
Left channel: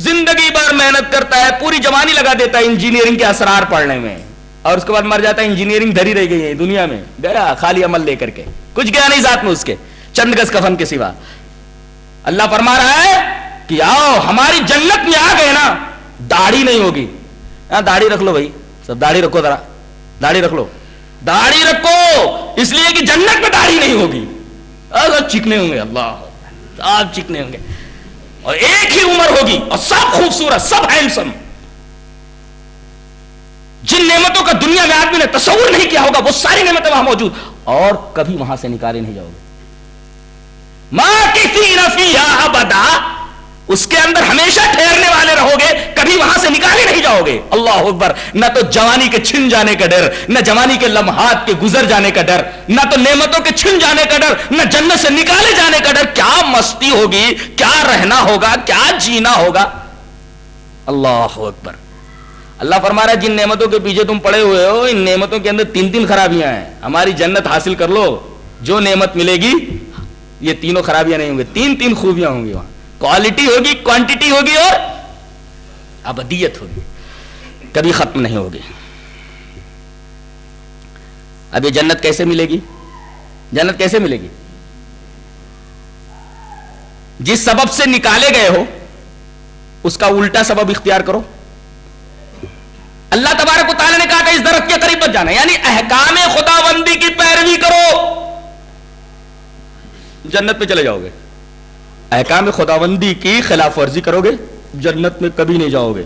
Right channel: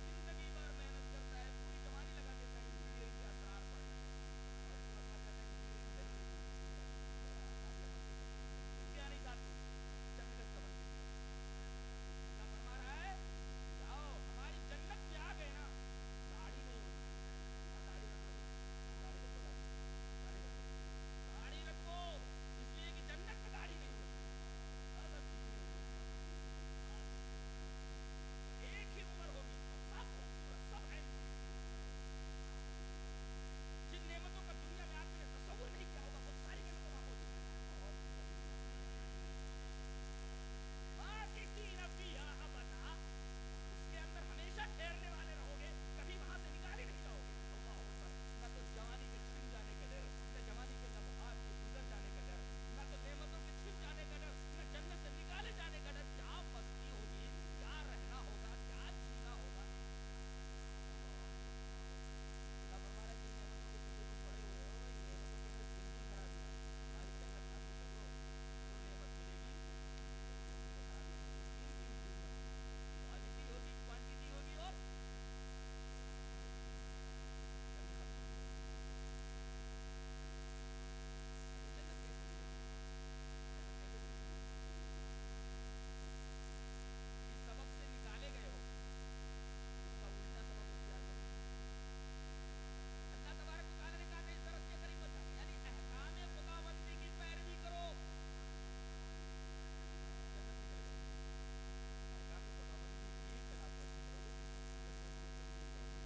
زندگی بھر محنت کرتا ہے، پوری جوانی لگا دیتا ہے انجینئرنگ کے اسرار پڑھنے میں، اور اس کے بعد مر جاتا ہے. انجینئرنگ دھری رہ گئی ہے دنیا میں، گیا خالی عمل لے کر کے، کچھ گیا نہیں ساتھ میں اس کے، چند گز کفن کے سوا. اللہ فرما رہا ہے کہ آؤ ہماری جنت میں آ گئے نا، داڑھی نہیں ہوگی. داڑھی رکھ لو بھائی، سب داڑھی رکھو، ذرا داڑھی رکھ لو، داڑھی رکھو، اس لیے کہ جنت میں داڑھی نہیں ہوگی. سب چکنے ہوں گے، اللہ سب چکنے ہوں گے، اور ایک ہی عمر ہوگی، اور سب خوبصورت، سب ہینڈسم. جن نعمتوں کا دنیا میں آدمی نے تصور نہیں کیا ہوگا وہ ساری نعمتیں وہاں موجود، اور کبھی وہاں سے نکالے نہیں جاؤ گے. ماکثین فیہا ابدا، اس کے اندر ہمیشہ ٹھہرنے والے رہو گے، کبھی وہاں سے نکالے نہیں جاؤ گے. اللہ اکبر. نہ تو جوانی کے چھن جانے کا ڈر، نہ جوانی کے لمحات کے گزر جانے کا ڈر، نہ تو نعمتوں کے چھن جانے کا ڈر، نہ جنت سے نکالے جانے کا ڈر. کیا مستی ہوگی، کیا رہنا ہوگا، کیا جینا ہوگا. اللہ اکبر. اللہ فرما رہا ہے جن نعمتوں کے پیچھے تم پڑے ہوئے ہو، ان نعمتوں کے اندر تین خرابیاں ہیں. ہماری جنت حاصل کر لو، جو نعمت ملے گی یہ تینوں خرابیاں نہیں ہوں گی، تین خوبیاں ہوں گی. وہاں کوالٹی ہوگی، کوانٹٹی ہوگی، اور ابدیت ہوگی، کبھی ختم نہیں ہوگی. اب یہ جنت کیسے ملے گی؟ جنت کیسے ملے گی؟ جس سبب سے نکالے گئے ہو اس کا الٹا سبب اختیار کرو. اللہ تبارک و تعالیٰ نے کہا کہ اس درخت کے قریب مت جانا، یعنی احکام خداوندی کی پیروی کرو، جنت میں چلے جاؤ گے. احکام خداوندی کی خلاف ورزی کرو گے، جنت میں کبھی نہیں جاؤ گے.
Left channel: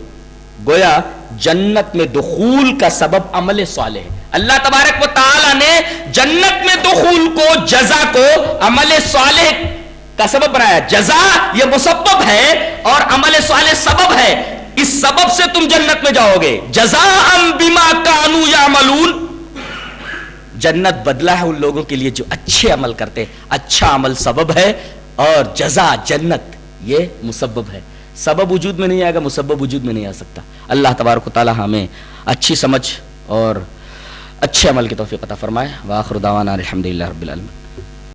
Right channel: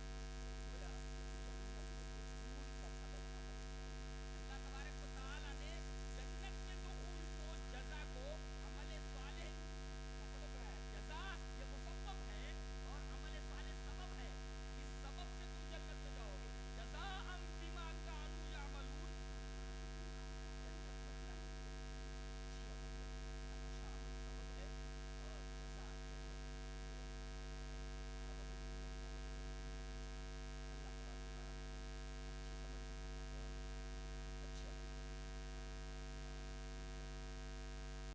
گویا جنت میں دخول کا سبب عمل صالح ہے. اللہ تبارک و تعالیٰ نے جنت میں دخول کو، جزا کو عمل صالح کا سبب بنایا. جزا یہ مسبب ہے اور عمل صالح سبب ہے. اس سبب سے تم جنت میں جاؤ گے. جزاء بما کانوا یعملون، جنت بدلہ ہے ان لوگوں کے لیے جو اچھے عمل کرتے. اچھا عمل سبب ہے اور جزا جنت یہ مسبب ہے. سبب وجود میں نہیں آئے گا، مسبب وجود میں نہیں آ سکتا. اللہ تبارک و تعالی ہمیں اچھی سمجھ اور اچھے عمل کی توفیق عطا فرمائے. وآخر دعوانا الحمدللہ رب العالمین.